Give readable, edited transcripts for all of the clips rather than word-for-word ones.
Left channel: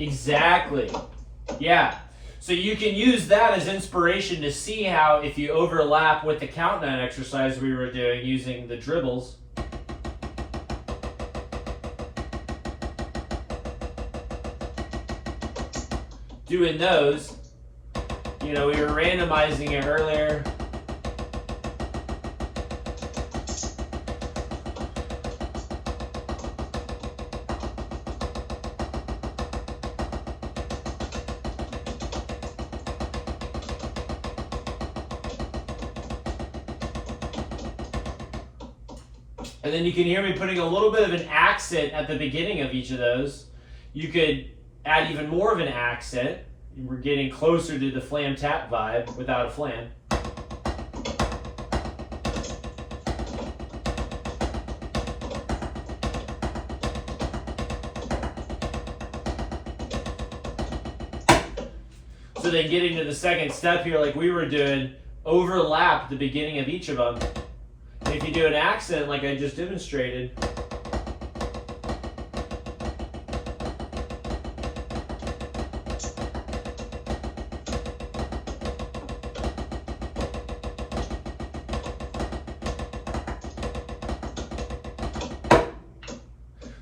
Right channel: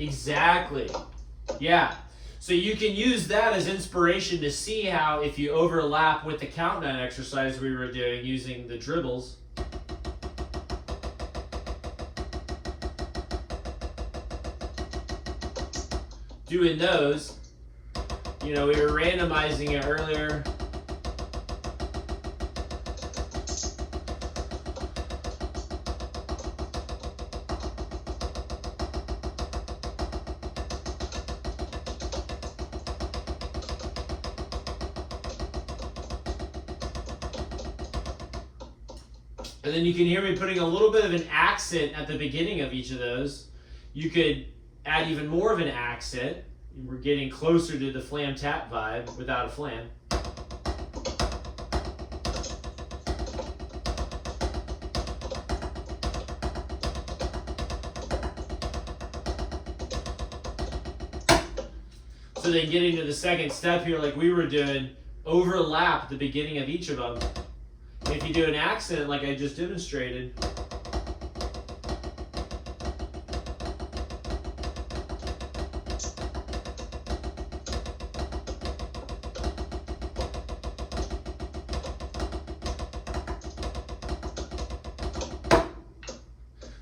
Exactly. Yeah. So you can use that as inspiration to see how if you overlap with the countdown exercise we were doing using the dribbles. Doing those, you know, we were randomizing it earlier. And then you can hear me putting a little bit of an accent at the beginning of each of those. You could add even more of an accent. We're getting closer to the flam tap vibe without a flam. So then getting to the second step here, like we were doing, overlap the beginning of each of them. If you do an accent like I just demonstrated,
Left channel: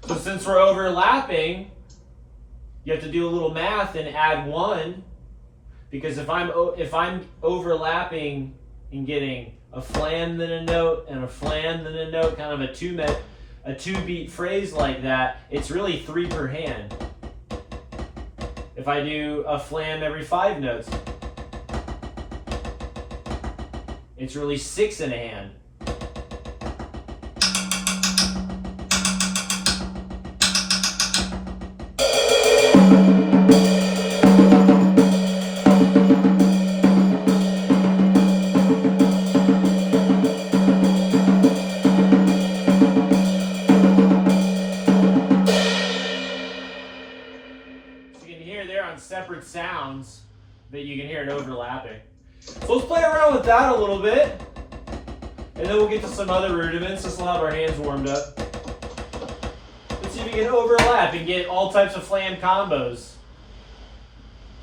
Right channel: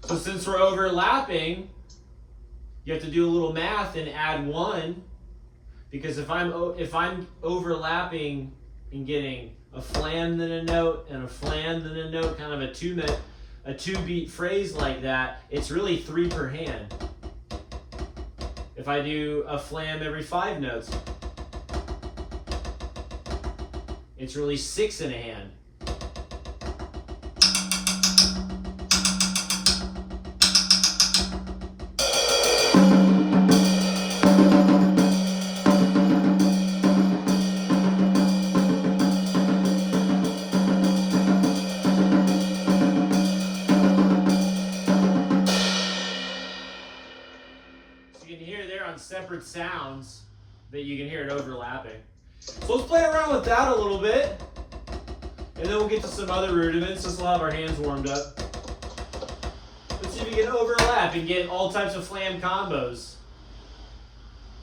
so since we're overlapping, you have to do a little math and add 1, because if I'm overlapping and getting a flam then a note and a flam then a note, kind of a 2-beat phrase like that, it's really 3 per hand. If I do a flam every 5 notes, it's really 6 in a hand. Separate sounds, but you can hear it overlapping. So let's play around with that a little bit, and then we'll get to some other rudiments. Just we'll have our hands warmed up. Let's see if you can overlap and get all types of flam combos.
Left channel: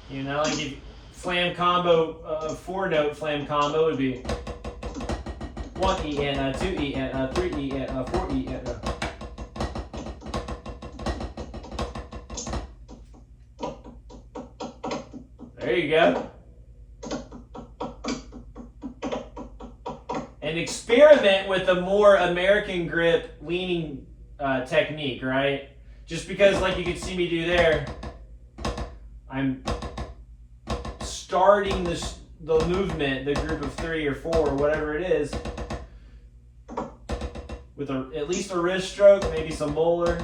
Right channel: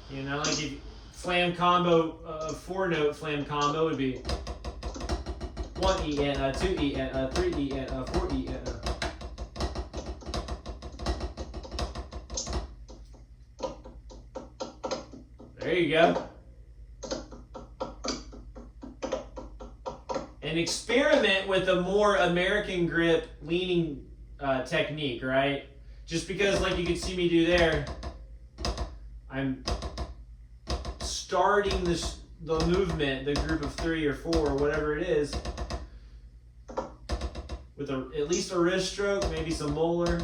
You know, like if flam combo, 4-note flam combo would be 1 E and 2 E and 3 E and 4 E and there you go. And experiment with a more American grip leaning technique, right? Just because, like you can see me do there, I'm starting the movement, the group of 3 or 4, whatever it is, with at least a wrist stroke, maybe some Moeller.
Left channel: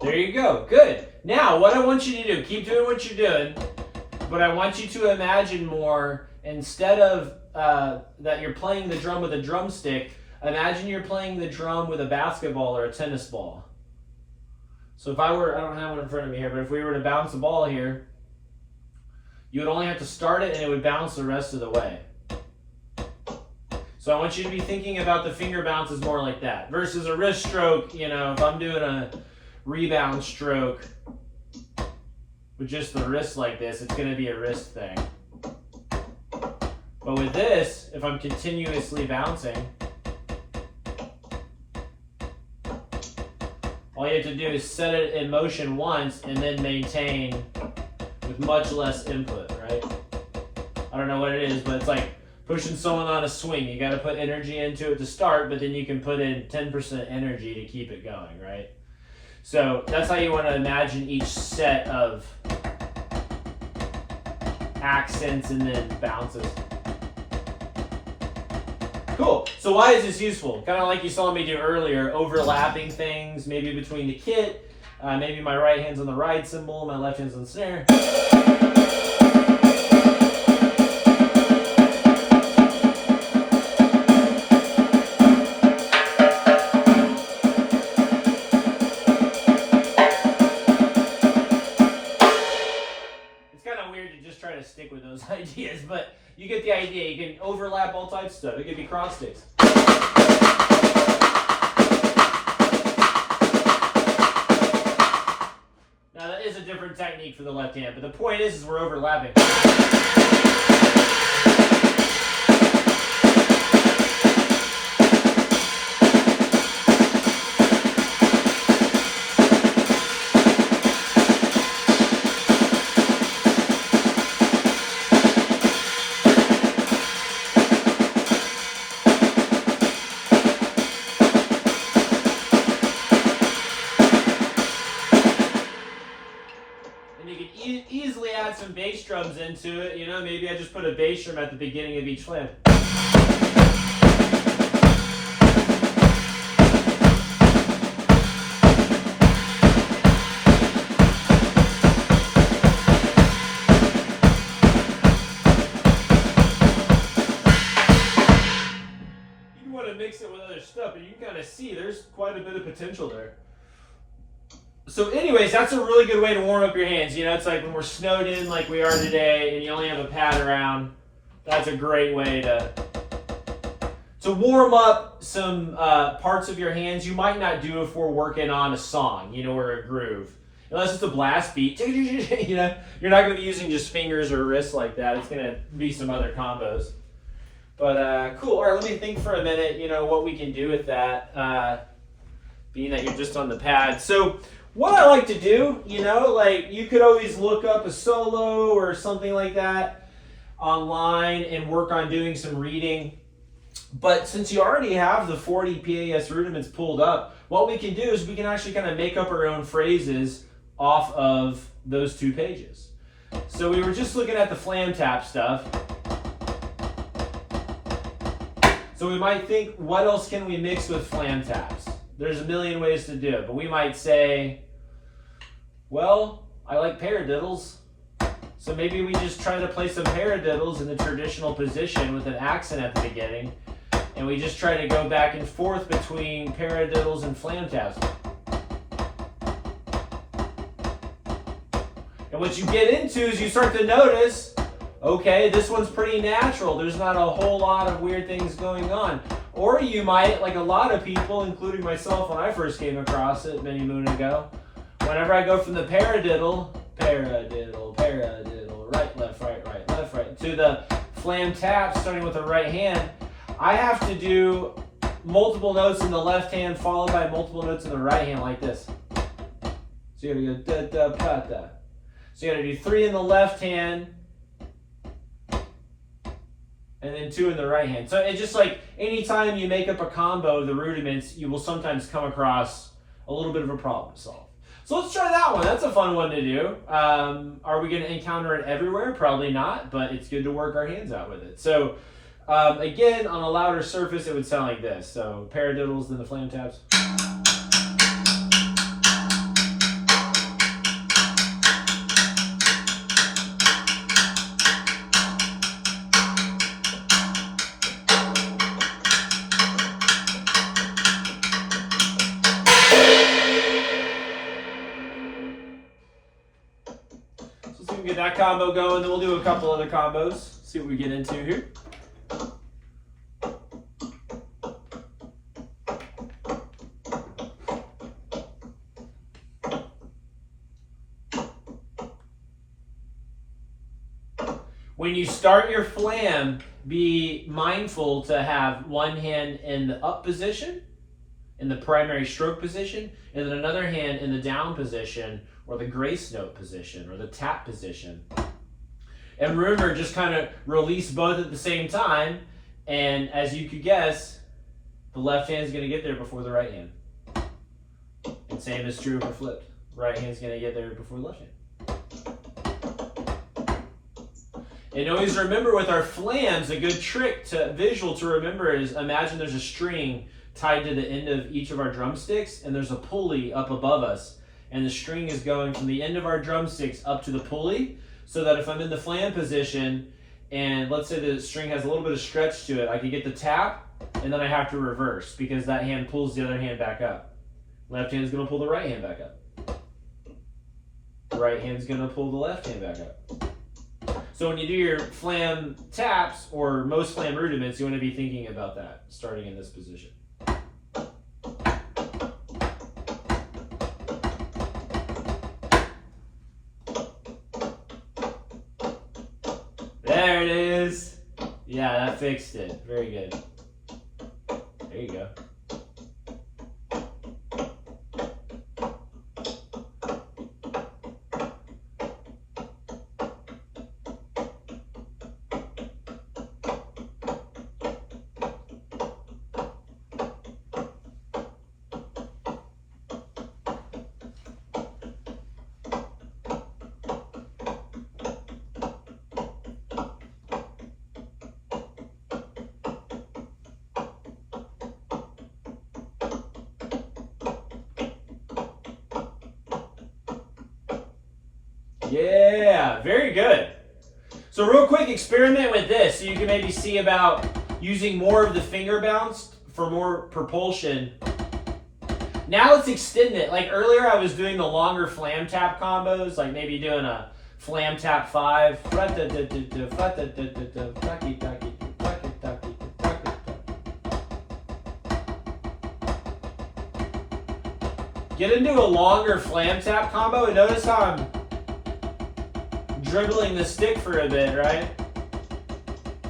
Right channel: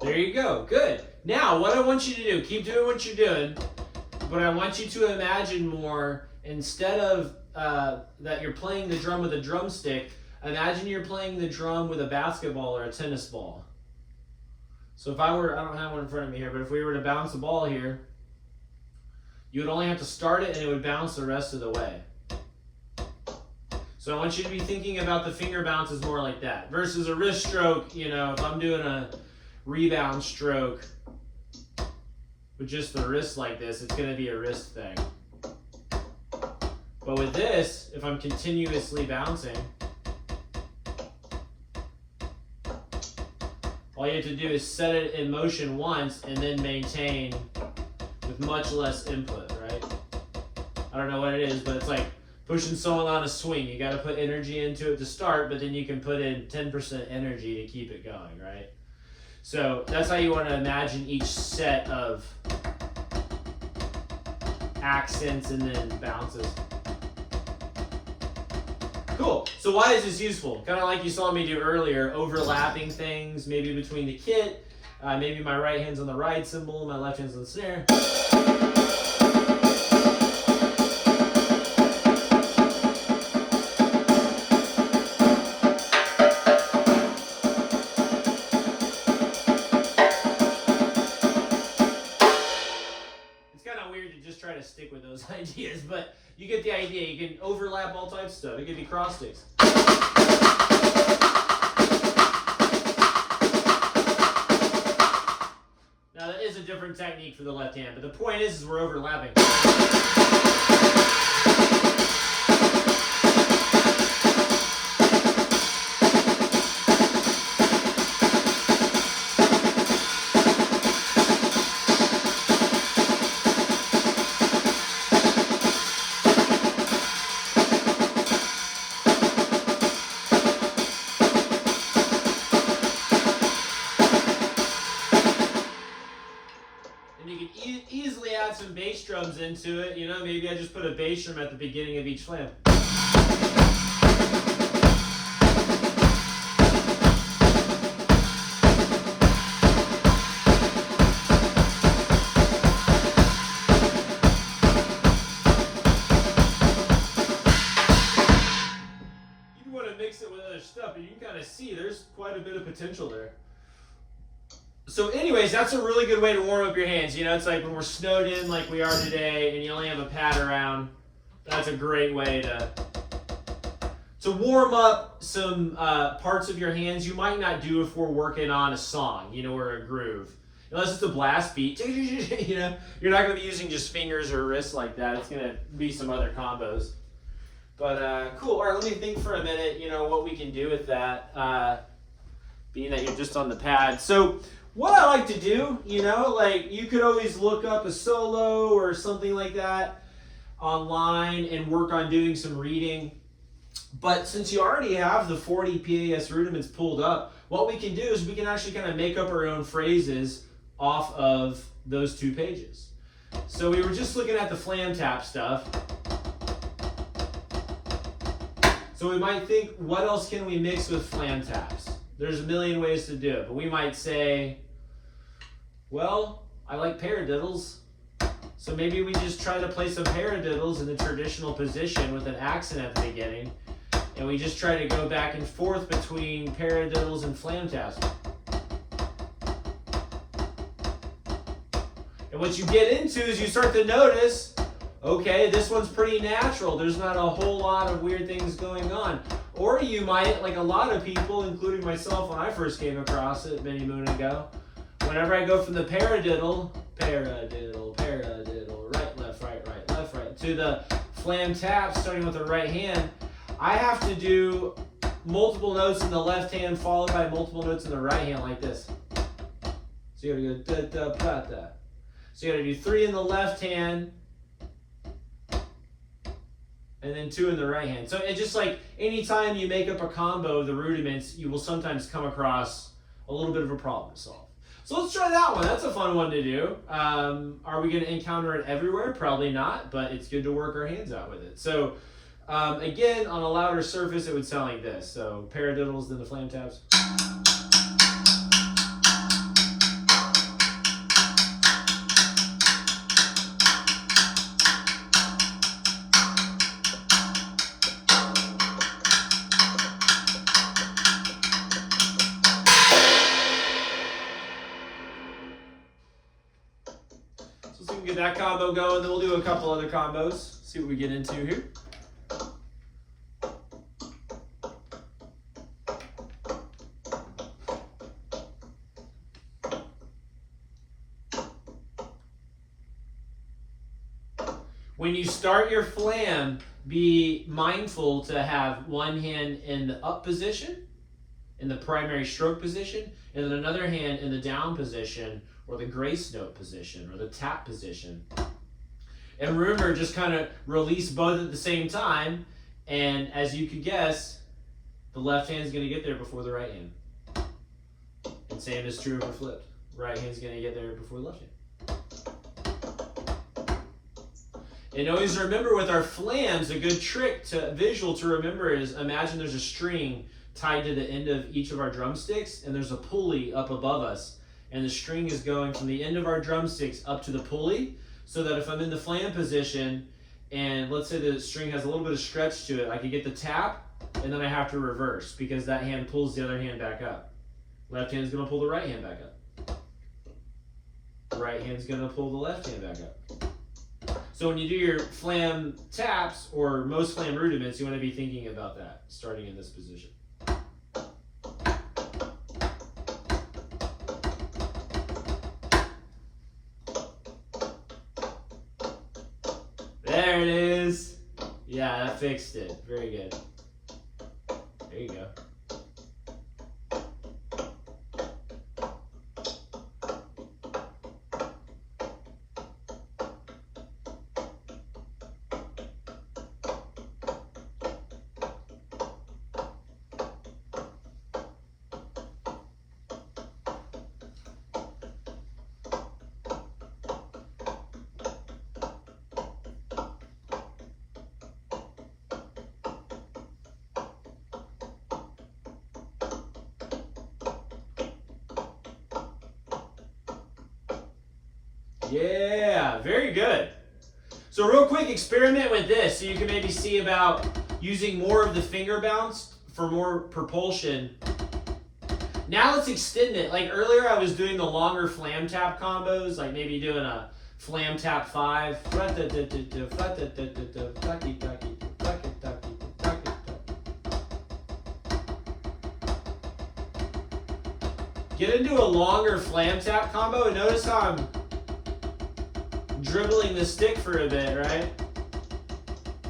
There you go. Good. Now, what I want you to do, keep doing what you're doing, but I want you to imagine more, instead of that you're playing the drum with a drumstick, imagine you're playing the drum with a basketball or a tennis ball. So if I don't have one in front of me here, but if we were to bounce a ball here, you would only have to start it and it would bounce the rest of the way. So I want you to be thinking about the finger bounces more like that, versus a wrist stroke. You know, if I'm doing a rebound stroke with just the wrist like this, it's going to be a wrist thing. But with this, if I'm continuously bouncing, all you have to do is set it in motion once and then maintain with much less input, right? I don't know what it is, but it's like pushing someone on a swing. You got to put energy into it to start, but then you can put in 10% energy to keep it going, right? So that's how you want to imagine each set of accents and then bounces. Cool. So why is this useful? Kind of like you saw me do earlier, overlapping things, maybe between the kit. Maybe my right hand's on the ride cymbal, my left hand's on the snare. Try to stick with those ideas, but you get the idea. You can overlap all types of stuff. It could be cross sticks. Now that is a different technique for the left hand, but the point is we're overlapping. Easily add some bass drums into it, you know, maybe I just put a bass drum at the beginning of each flam. You want to mix it with other stuff, but you can kind of see there's quite a bit of potential there. So anyways, that's a really good way to warm up your hands. You know, it's like when we're snowed in like we are today and you only have a pad around, that's a great way to warm up some parts of your hands you might not do if we're working on a song, you know, or a groove. Unless it's a blast beat, you know, you're not going to be using just fingers or wrists like that. It's going to be some other combos. But cool. All right, let me think for a minute, you know, what we can do with that, being that you're just on the pad. So what I like to do, you know, like you could always look up a solo or something like that online and work on doing some reading. But since you already have the 40 PAS rudiments pulled up, what we can do is we can actually kind of make up our own phrases off of those 2 pages. So we were just looking at the flam tap stuff. So we might think, what else can we mix with flam taps? There's a million ways to do it, but we might say, well, I like paradiddles, so maybe we just try to play some paradiddles in the traditional position with an accent at the beginning, and we just try to go back and forth between paradiddles and flam taps. And what you get into is you start to notice, okay, this one's pretty natural. There's not a whole lot of weird things going on. Or you might, like a lot of people, including myself when I first came across it many moons ago, whenever I go from the paradiddle, paradiddle, paradiddle, right, left, right, to the flam tap starting with the right hand, I have to do multiple notes in the left hand followed by multiple notes in the right hand like this. So you gotta go da da pa da. So you gotta do 3 in the left hand, and then 2 in the right hand. So it's just like anytime you make up a combo of the rudiments, you will sometimes come across a little bit of a problem to solve. So let's try that one. That's a fun one to do. Are we going to encounter it everywhere? Probably not, but it's good to work our hands out with it. So again, on a louder surface, it would sound like this. So paradiddles, then the flam taps. Get that combo going, then we'll do a couple other combos, see what we get into here. When you start your flam, be mindful to have one hand in the up position, in the primary stroke position, and then another hand in the down position, or the grace note position, or the tap position. And remember, just kind of release both at the same time, and as you could guess, the left hand's going to get there before the right hand. And same is true if we're flipped. Right hand's going to get there before the left hand. And always remember with our flams, a good trick to visual to remember is imagine there's a string tied to the end of each of our drumsticks, and there's a pulley up above us. And the string is going from the end of our drumsticks up to the pulley, so that if I'm in the flam position, and let's say the string has a little bit of stretch to it, I can get the tap, and then I have to reverse, because that hand pulls the other hand back up. Left hand's gonna pull the right hand back up. The right hand's gonna pull the left hand back up. So when you do your flam taps, or most flam rudiments, you want to be thinking about that, starting in this position. There it is. Yeah, that fixed it. Very good. There you go. Yeah, very good. So real quick, experiment with this so you can maybe see about using more of the finger bounce for more propulsion. Now let's extend it. Like earlier I was doing the longer flam tap combos, like maybe doing a flam tap 5. Get into a longer flam tap combo and notice how I'm dribbling the stick for a bit, right?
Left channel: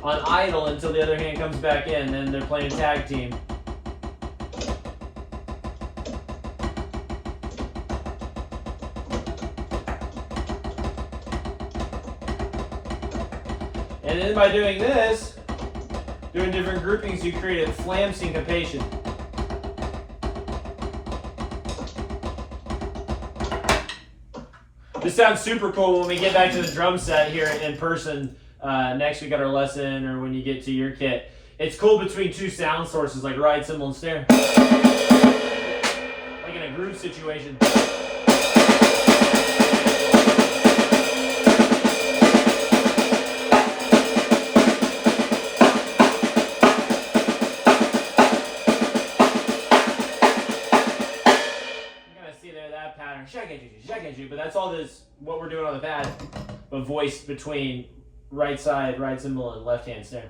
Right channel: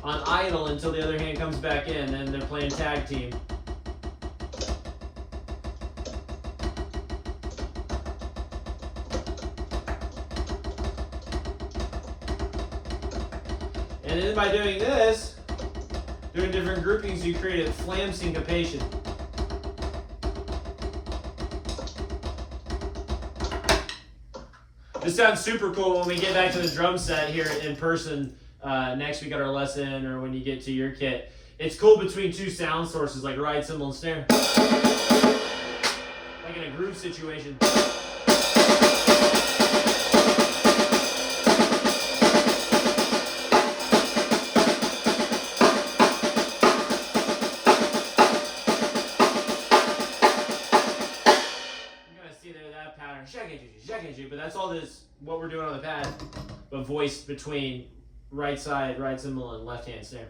On idle until the other hand comes back in, and they're playing tag team. And then by doing this, doing different groupings, you create a flam syncopation. This sounds super cool when we get back to the drum set here in person next week at our lesson, or when you get to your kit. It's cool between two sound sources like ride, cymbal, and snare. Like in a groove situation. But that's all this, what we're doing on the pad, but voiced between right side, right cymbal, and left hand snare.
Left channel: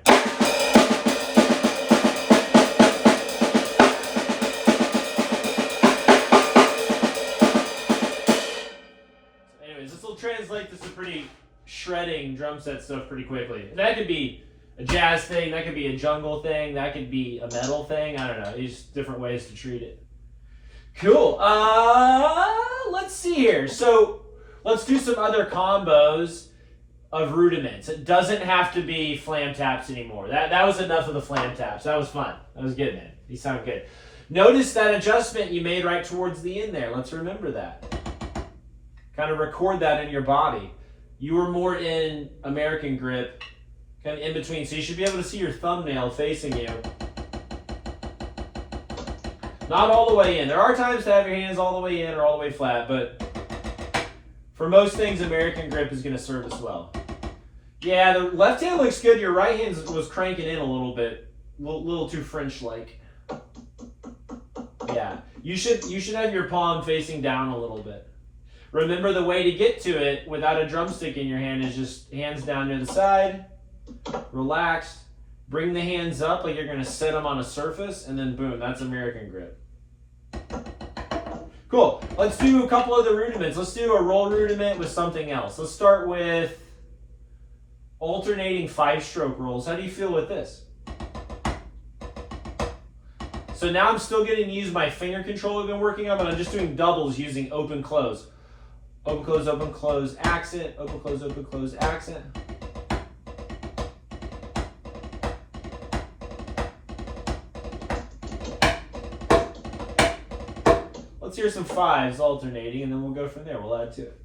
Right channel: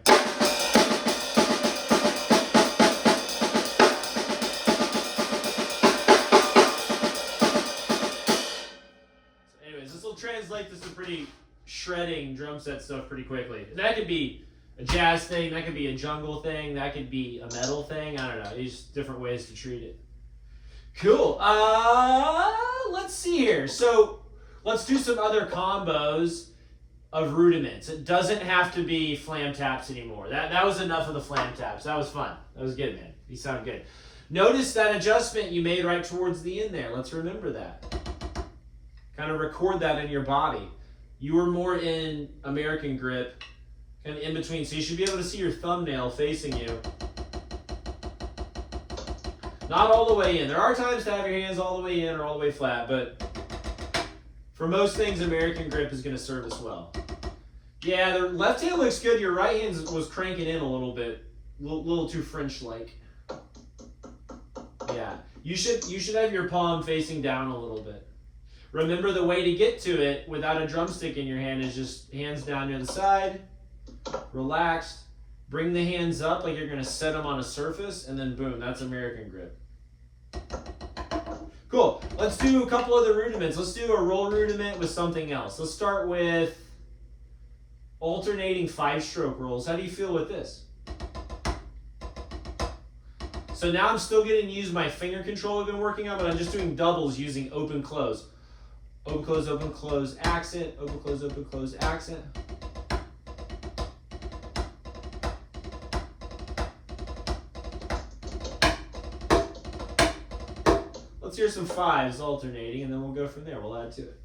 Anyways, this will translate to some pretty shredding drum set stuff pretty quickly. And that could be a jazz thing, that could be a jungle thing, that could be a metal thing, I don't know, there's different ways to treat it. Cool. Let's see here. So let's do some other combos of rudiments. It doesn't have to be flam taps anymore. That was enough of the flam taps. That was fun. That was good, man. You sound good. Notice that adjustment you made right towards the end there. Let's remember that. Kind of record that in your body. You were more in American grip, kind of in between. So you should be able to see your thumbnail facing you. Not all the way in. There are times to have your hands all the way in or all the way flat, but for most things, American grip is going to serve us well. Yeah, the left hand looks good. Your right hand was cranking in a little bit, a little too French-like. Yeah, you should have your palm facing down a little bit. Remember, the way to get to it without a drumstick in your hand is just hands down near the side, relaxed. Bring the hands up like you're going to set them on a surface, and then boom, that's American grip. Cool. Let's do a couple of the rudiments. Let's do a roll rudiment with something else. Let's start with alternating 5-stroke rolls. How do you feel with this? So now I'm still getting to use my finger control I've been working on, but I'm just doing doubles using open, close. Open, close, accent, open, close, accent. Let's hear some 5s alternating, and then we'll go from there. We'll add to it.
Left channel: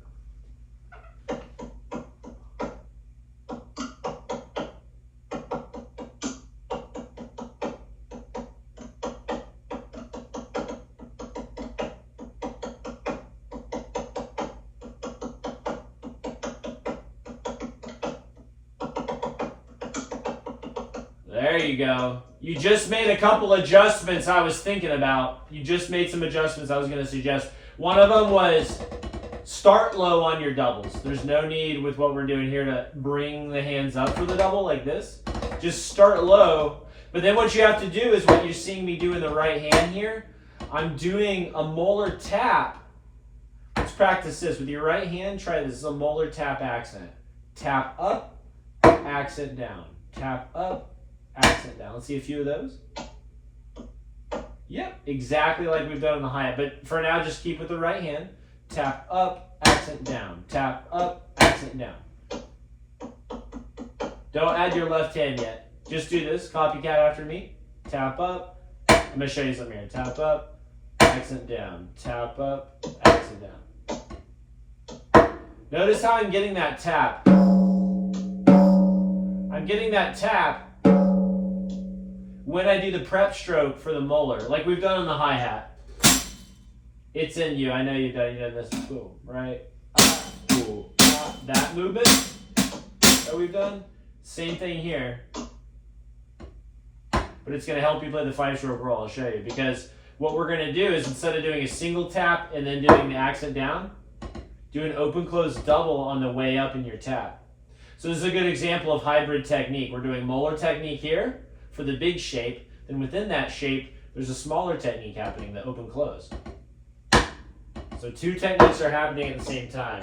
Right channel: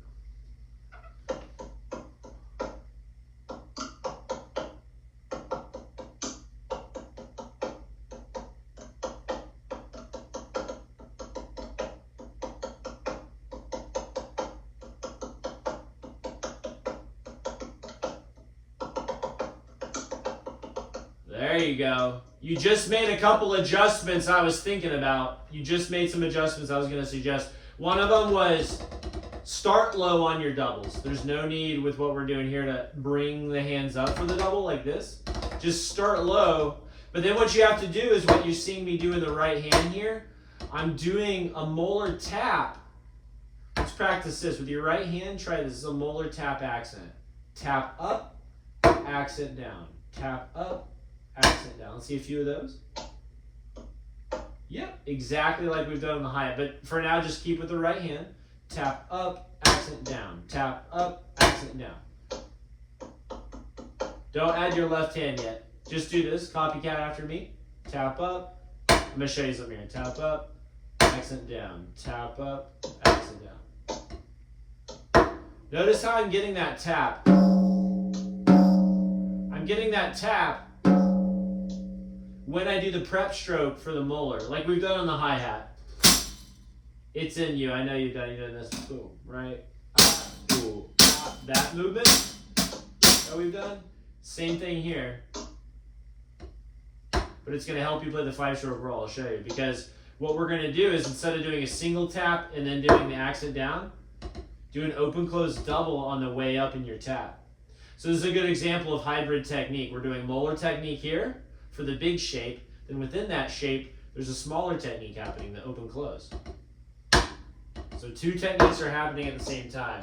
There you go. You just made a couple adjustments I was thinking about. You just made some adjustments I was going to suggest. One of them was start low on your doubles. There's no need with what we're doing here to bring the hands up for the double like this. Just start low. But then what you have to do is what you're seeing me do in the right hand here. I'm doing a Moeller tap. Let's practice this. With your right hand, try this. This is a Moeller tap accent. Tap up, accent down. Tap up, accent down. Let's see a few of those. Yep, exactly like we've done on the hi-hat. But for now, just keep with the right hand. Tap up, accent down. Tap up, accent down. Don't add your left hand yet. Just do this. Copycat after me. Tap up. I'm going to show you something here. Tap up, accent down. Tap up, accent down. Notice how I'm getting that tap. I'm getting that tap when I do the prep stroke for the Moeller, like we've done on the hi-hat. It's in you. I know you've done this. Boom, right? Boom. That movement that we've done, same thing here. But it's going to help you play the 5-stroke roll. I'll show you. Because what we're going to do is instead of doing a single tap and then doing the accent down, do an open-close double on the way up in your tap. So this is a good example of hybrid technique. We're doing Moeller technique here for the big shape. Then within that shape, there's a smaller technique happening, the open-close. So two techniques are happening at the same time.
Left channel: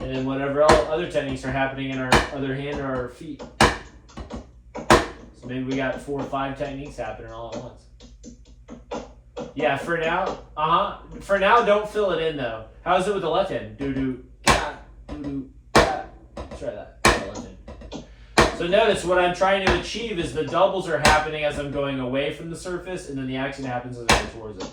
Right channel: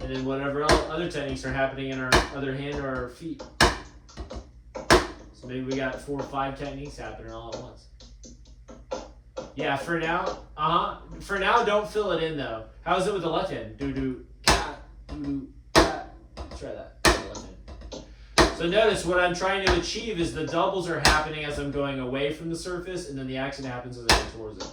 And then whatever other techniques are happening in our other hand or our feet. So maybe we got 4 or 5 techniques happening all at once. Yeah, for now, For now, don't fill it in though. How's it with the left hand? Do-do, ka, do-do, ka. Let's try that. Left hand. So notice what I'm trying to achieve is the doubles are happening as I'm going away from the surface, and then the accent happens as I go towards it.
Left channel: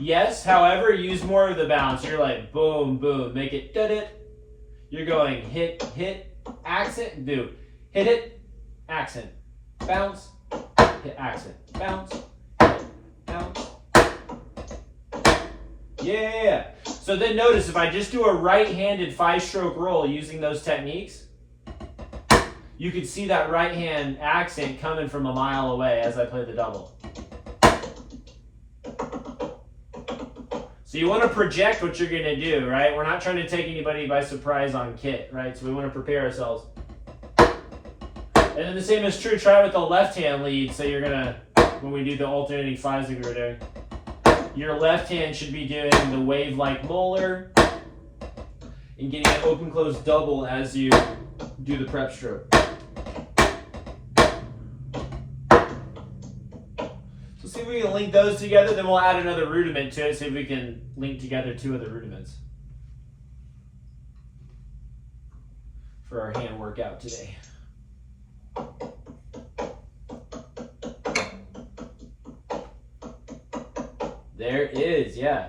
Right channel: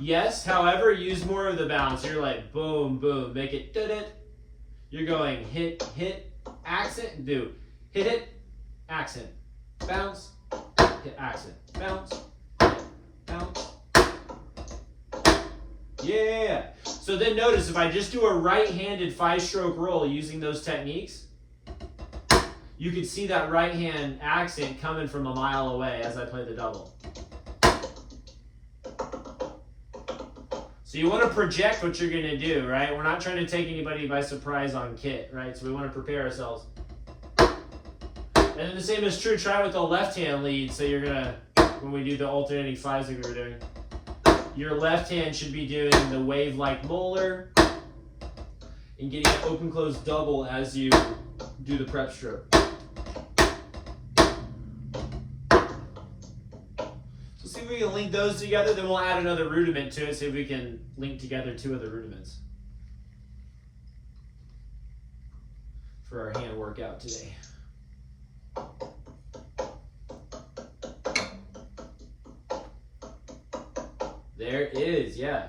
Yes, however, use more of the bounce. You're like boom, boom, make it dud-it. You're going hit, hit, accent, do. Hit it, accent, bounce, hit accent, bounce, hit, bounce. Yeah. So then notice if I just do a right-handed 5-stroke roll using those techniques, you could see that right hand accent coming from a mile away as I play the double. So you want to project what you're going to do, right? We're not trying to take anybody by surprise on kit, right? So we want to prepare ourselves. And then the same is true, try with the left hand lead. So you're going to, when we do the alternating 5s like we were doing, your left hand should be doing the wave like Moeller and getting an open close double as you do the prep stroke. See if we can link those together, then we'll add another rudiment to it, see if we can link together 2 of the rudiments for our hand workout today. There it is, yeah.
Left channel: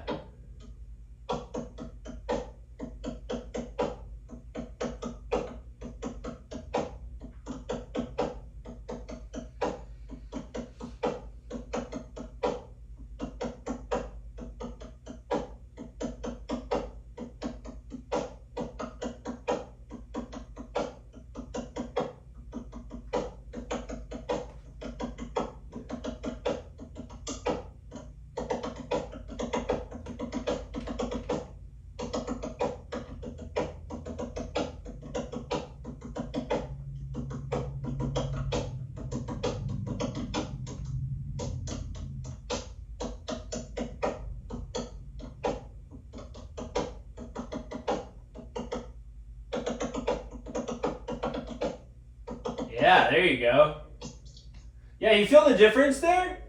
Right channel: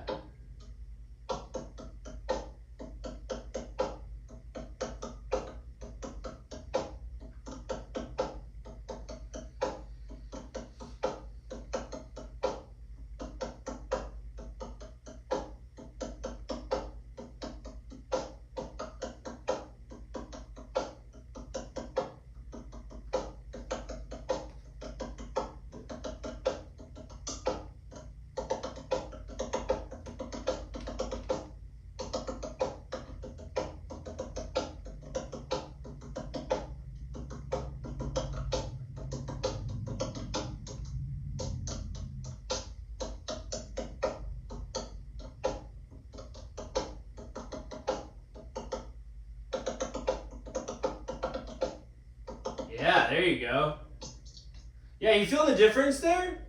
Yeah, there you go. Yeah, you feel the difference there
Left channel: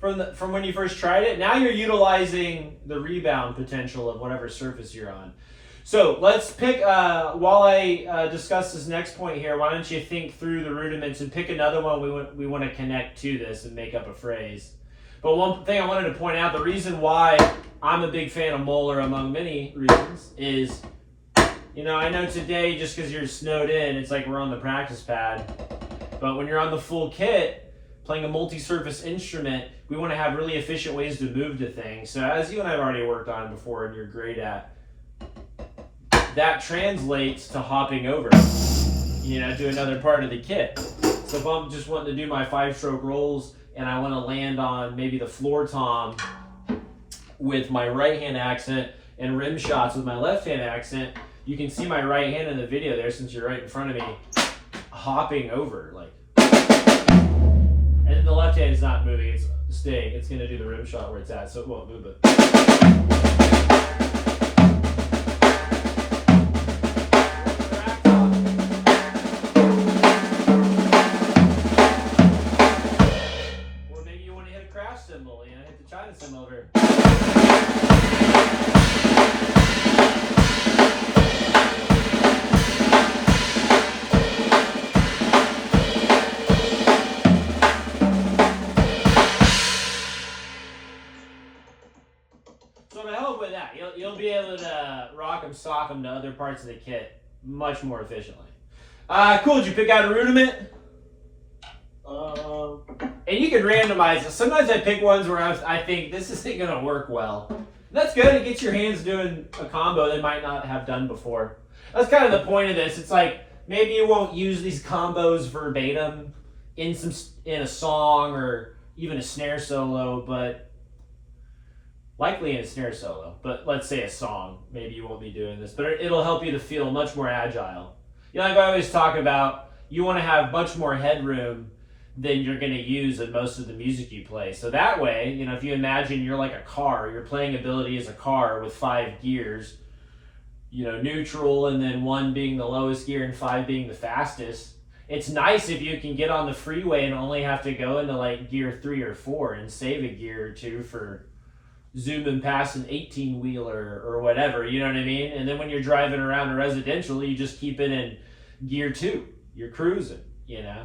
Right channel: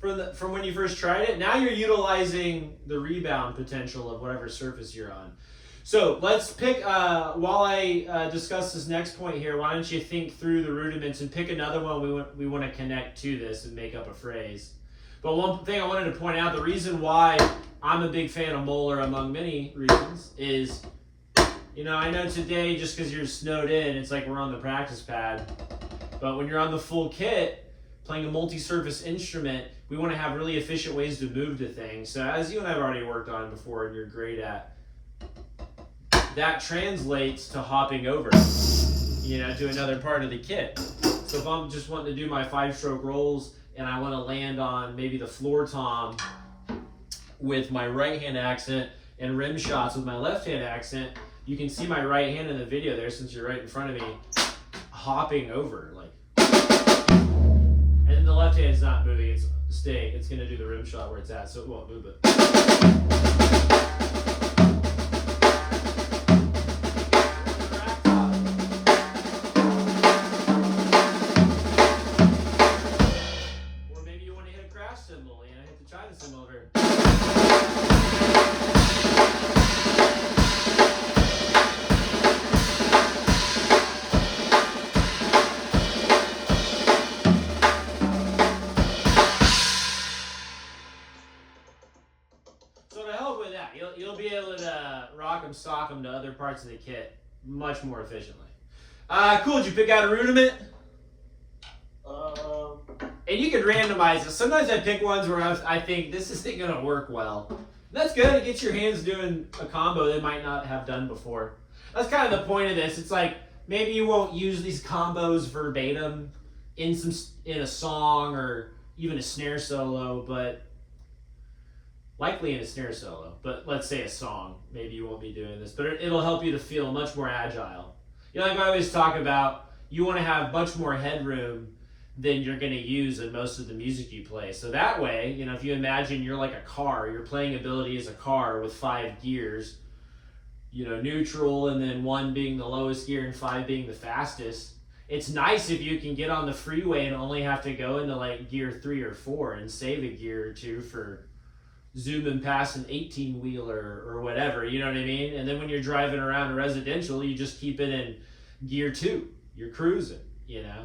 from when you first tried it? Now you're utilizing the rebound potential of whatever surface you're on. So let's pick, while I discuss this next point here, why don't you think through the rudiments and pick another one we want to connect to this and make up a phrase. But one thing I wanted to point out, the reason why I'm a big fan of Moeller among many reasons is, you know, I know today just because you're snowed in, it's like we're on the practice pad. But when you're on the full kit, playing a multi-surface instrument, we want to have really efficient ways to move to things. So as you and I have already worked on before and you're great at, that translates to hopping over, you know, to another part of the kit. So if I'm just wanting to do my 5-stroke rolls and I want to land on maybe the floor tom with my right hand accent and rim shots with my left hand accent, you can see my right hand in the video there since you're right in front of me, hopping over, like. And then the left hand is not moving, it's staying. It's going to do the rim shot where it's at, so it won't move it. Or maybe you want to hit a crash cymbal, you know, hit the China cymbal over here. So to help with that, you'll be able to rock them, sock them to other parts of the kit much more efficiently. Cool, did you pick out a rudiment? And you can randomize it. Sometimes I pick ones where I think this isn't going to work well. That's good. It gets your hands doing a combo they might not have done before. That's kind of the point of this. It's like maybe you won't use these combos verbatim in a song or even a snare solo, but likely in a snare solo, but let's say a song, maybe you won't be doing this, but it'll help you to feel much more agile. You know, like I always talk about, you want to have much more headroom than you're going to use in most of the music you play. So that way, you know, if you imagine you're like a car, your playing ability is a car with 5 gears, you know, neutral and then 1 being the lowest gear and 5 being the fastest. It's nice if you can get on the freeway and only have to go into like gear 3 or 4 and save a gear or 2 for zooming past an 18-wheeler or whatever, you know what I mean? And then when you're driving around a residential, you just keep it in gear 2. You're cruising, you know?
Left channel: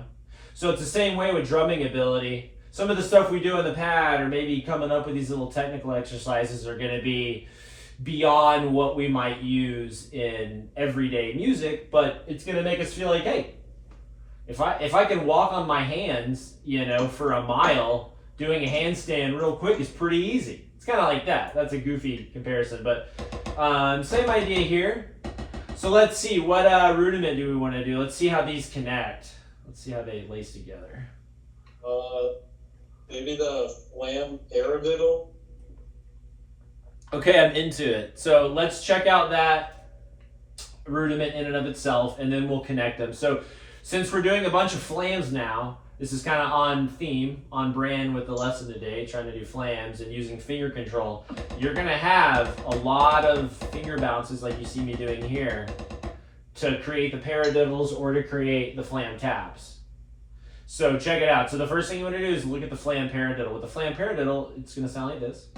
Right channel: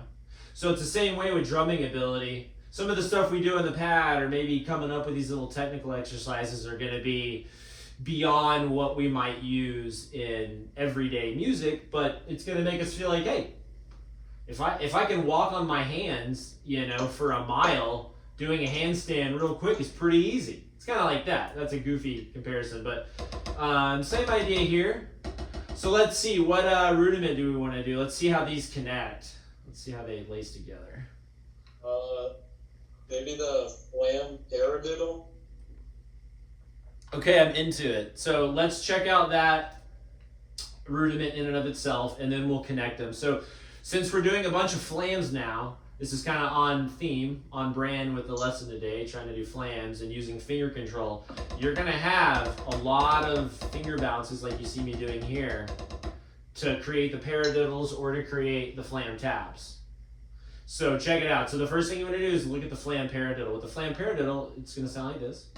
So it's the same way with drumming ability. Some of the stuff we do on the pad or maybe coming up with these little technical exercises are going to be beyond what we might use in everyday music, but it's going to make us feel like, hey, if I can walk on my hands, you know, for a mile, doing a handstand real quick is pretty easy. It's kind of like that. That's a goofy comparison, but same idea here. So let's see, what rudiment do we want to do? Let's see how these connect. Let's see how they lace together. Maybe the flam paradiddle. Okay, I'm into it. So let's check out that rudiment in and of itself, and then we'll connect them. So since we're doing a bunch of flams now, this is kind of on theme, on brand with the lesson today, trying to do flams and using finger control. You're going to have a lot of finger bounces like you see me doing here to create the paradiddles or to create the flam taps. So check it out. So the first thing you want to do is look at the flam paradiddle. With the flam paradiddle, it's going to sound like this.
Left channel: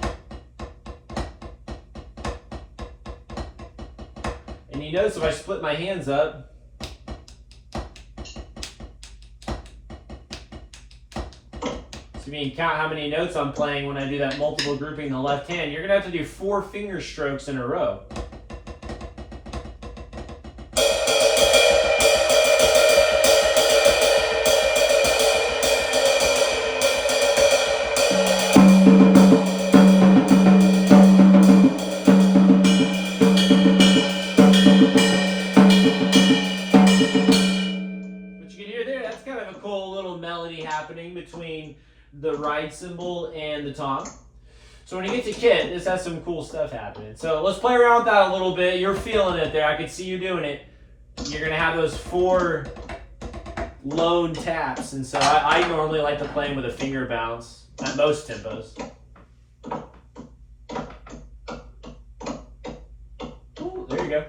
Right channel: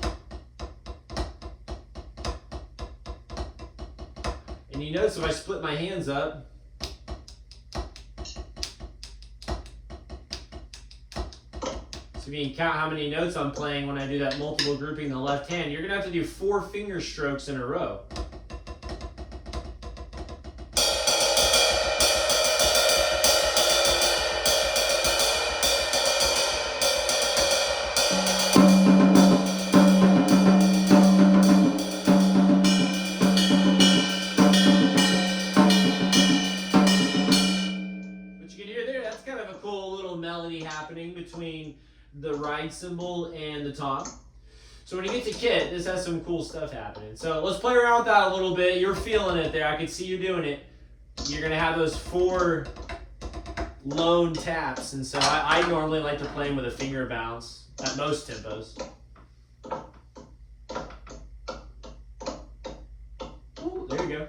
And you notice if I split my hands up, so you can count how many notes I'm playing when I do that multiple grouping in the left hand. You're going to have to do 4 finger strokes in a row. But you can hear there, that's kind of a cool little melody happening between the ride cymbal and the tom. So when you get to kit, this has some cool stuff happening. So let's play around with that a little bit. You're feeling it there. I can see you doing it. You're going to have those 4 lone taps. And so I normally like to play them with a finger bounce at most tempos. Ooh, there you go.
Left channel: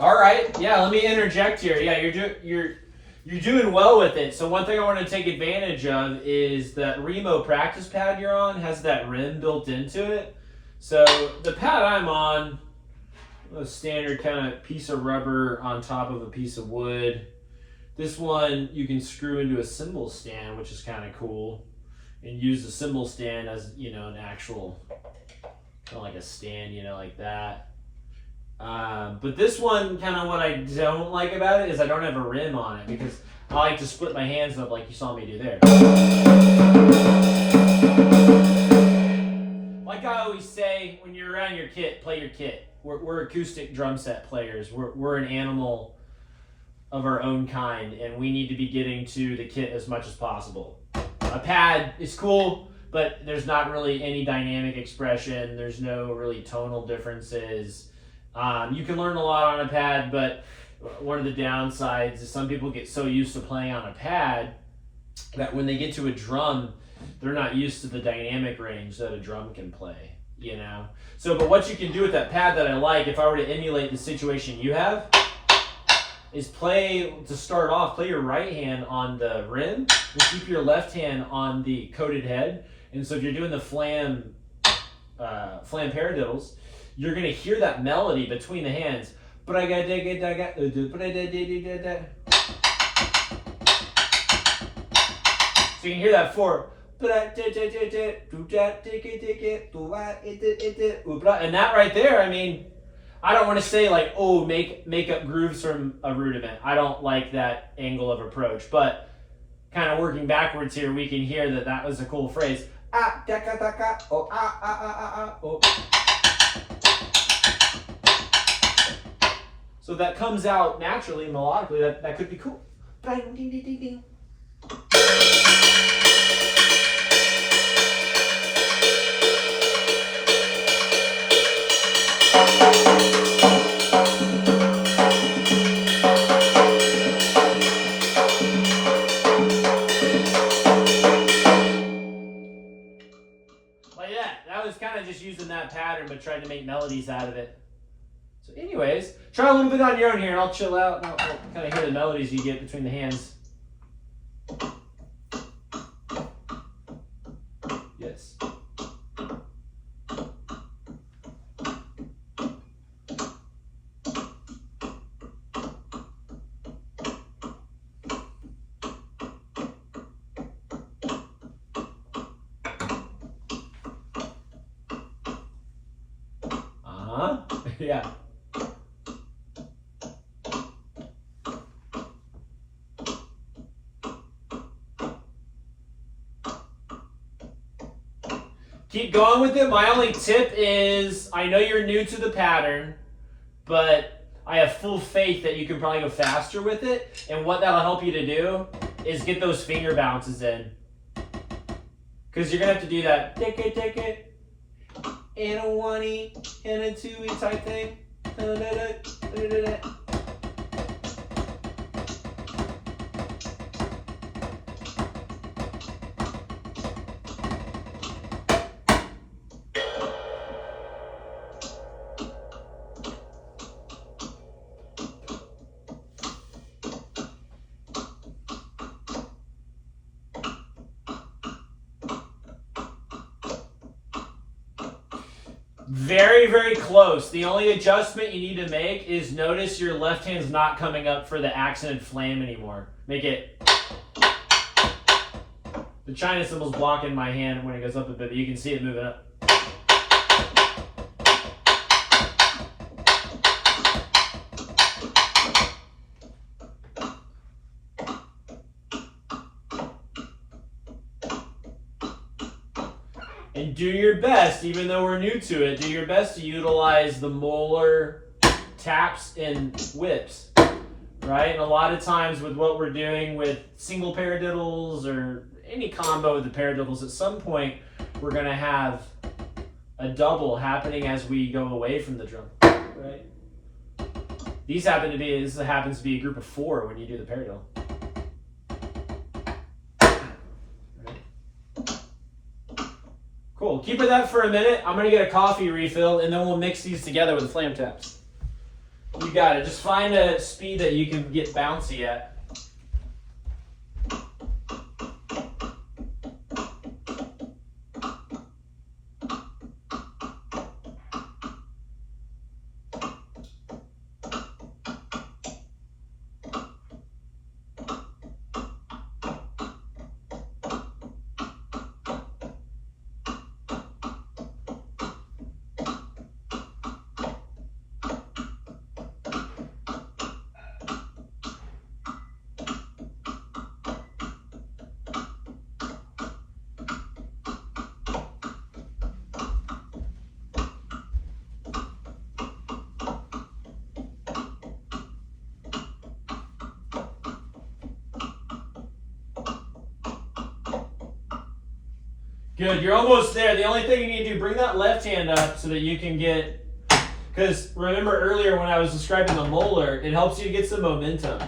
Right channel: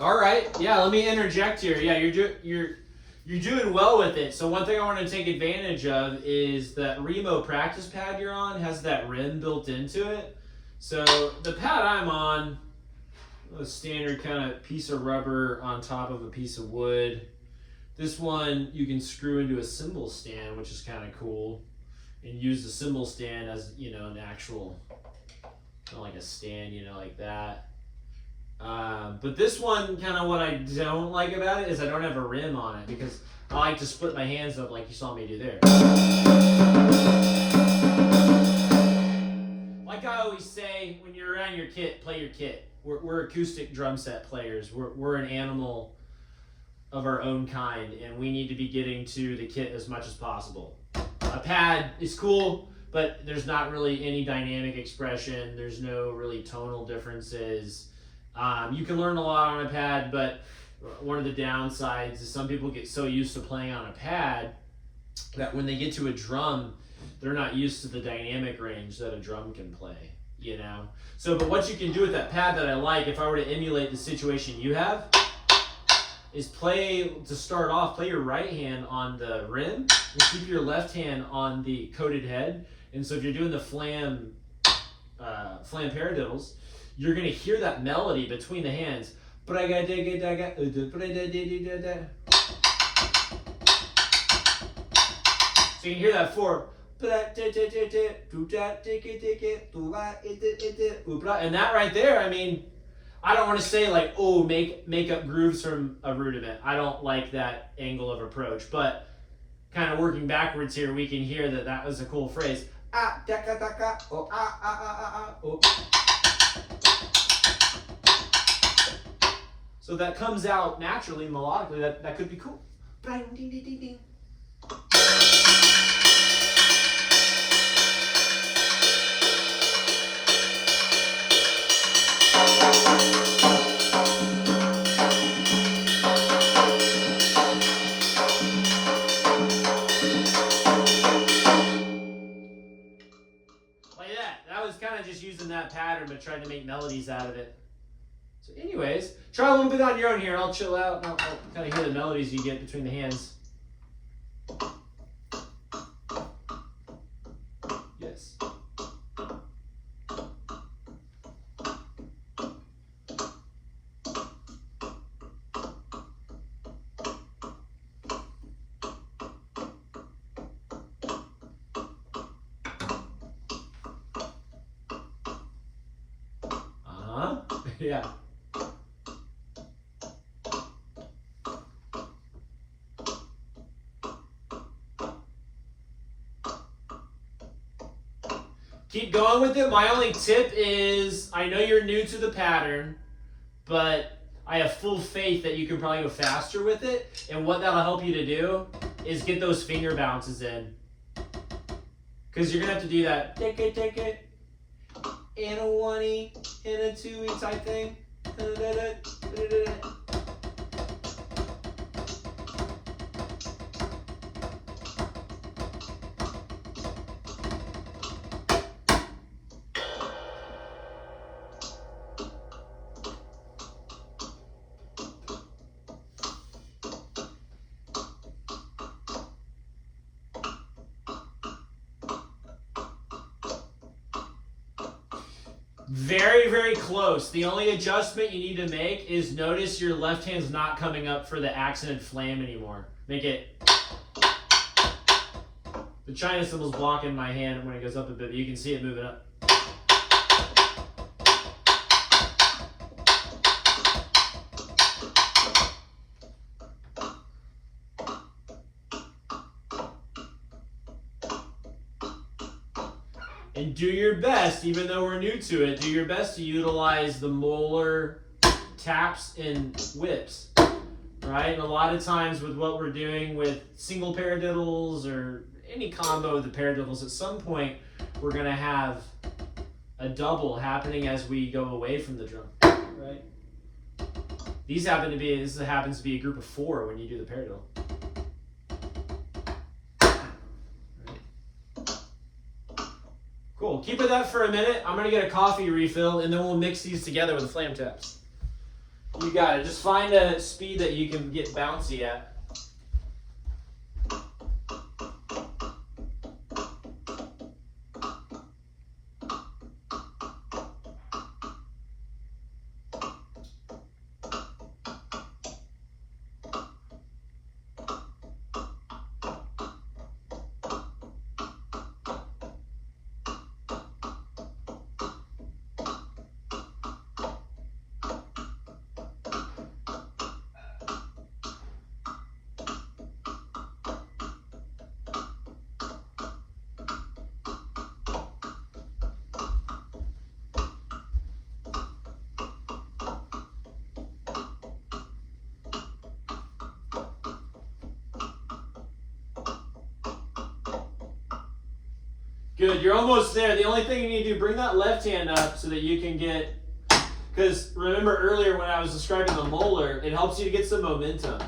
All right, yeah, let me interject here. Yeah, you're doing well with it. So one thing I want to take advantage of is that Remo practice pad you're on has that rim built into it. So the pad I'm on, a standard kind of piece of rubber on top of a piece of wood. This one you can screw into a cymbal stand, which is kind of cool, and use the cymbal stand as, you know, an actual, kind of like a stand, you know, like that. But this one, kind of what I don't like about it is I don't have a rim on it, because I like to split my hands up like you saw me do there. Like I always say, when you're around your kit, play your kit. We're acoustic drum set players. We're an animal of our own kind, and we need to be getting to the kit as much as possible. A pad is cool, but there's not really any dynamic expression. There's no really tonal differences. You can learn a lot on a pad, but one of the downsides is some people get so used to playing on a pad that when they get to a drum, they're not used to the dynamic range that a drum can play, you know? So, but what you can do with that pad that I like, if I were to emulate the situation you have, is play, to start off, play your right hand on the rim and keep your left hand on the coated head. And so if you're doing the flam paradiddles, you're going to hear that melody between the hands. So you can hear that four. And that right there, I mean, I don't want to say like, oh, make up grooves from a rudiment. I don't like that angle of approach. But kind of working backwards here, we can hear that that was a cool phrase. So that comes out naturally, melodically. That could be cool. Just using that pattern, but trying to make melodies out of it. So anyways, try a little bit on your own here, and I'll chill out, and I'll kind of hear the melodies you get between the hands. Yes. Yeah. Keep going with it. My only tip is, I know you're new to the pattern, but I have full faith that you can probably go faster with it. And what that'll help you to do is get those finger bounces in. Because you're going to have to do that. Take it. And a 1E and a 2E type thing. Very, very close. The only adjustment you need to make is notice your left hand's not coming up for the accented flam anymore. Make it... The China cymbal's blocking my hand when it goes up a bit, but you can see it moving up. And do your best, even though we're new to it, do your best to utilize the Moeller taps and whips, right? And a lot of times with what we're doing with single paradiddles or any combo with the paradiddles, at some point we're going to have a double happening as we go away from the drum, right? This happens to be a group of 4 when you do the paradiddle. Cool. Keep with that for a minute. I'm going to get a coffee refill, and then we'll mix these together with the flam taps. You got it. Just find a speed that you can get bouncy at. Good, you're almost there. The only thing you need to do, bring that left hand up so that you can get, because remember earlier when I was describing the Moeller, it helps you to get some momentum,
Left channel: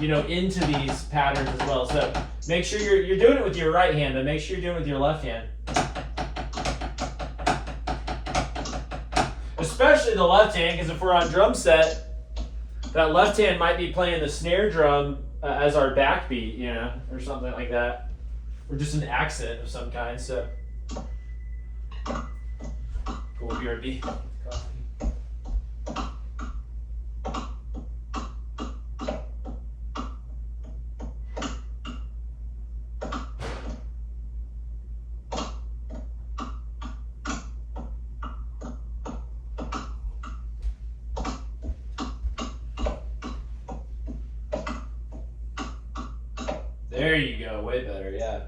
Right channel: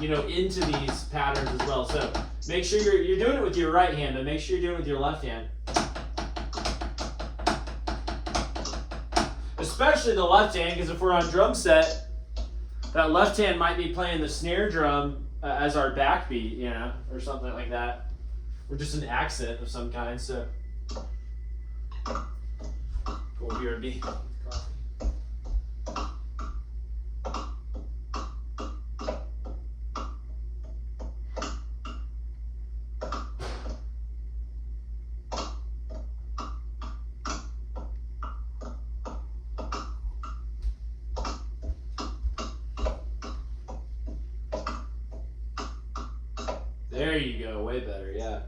you know, into these patterns as well. So make sure you're doing it with your right hand, but make sure you're doing it with your left hand. Especially the left hand, because if we're on drum set, that left hand might be playing the snare drum as our backbeat, you know, or something like that. Or just an accent of some kind, so. Cool, BRB. There you go, way better, yeah.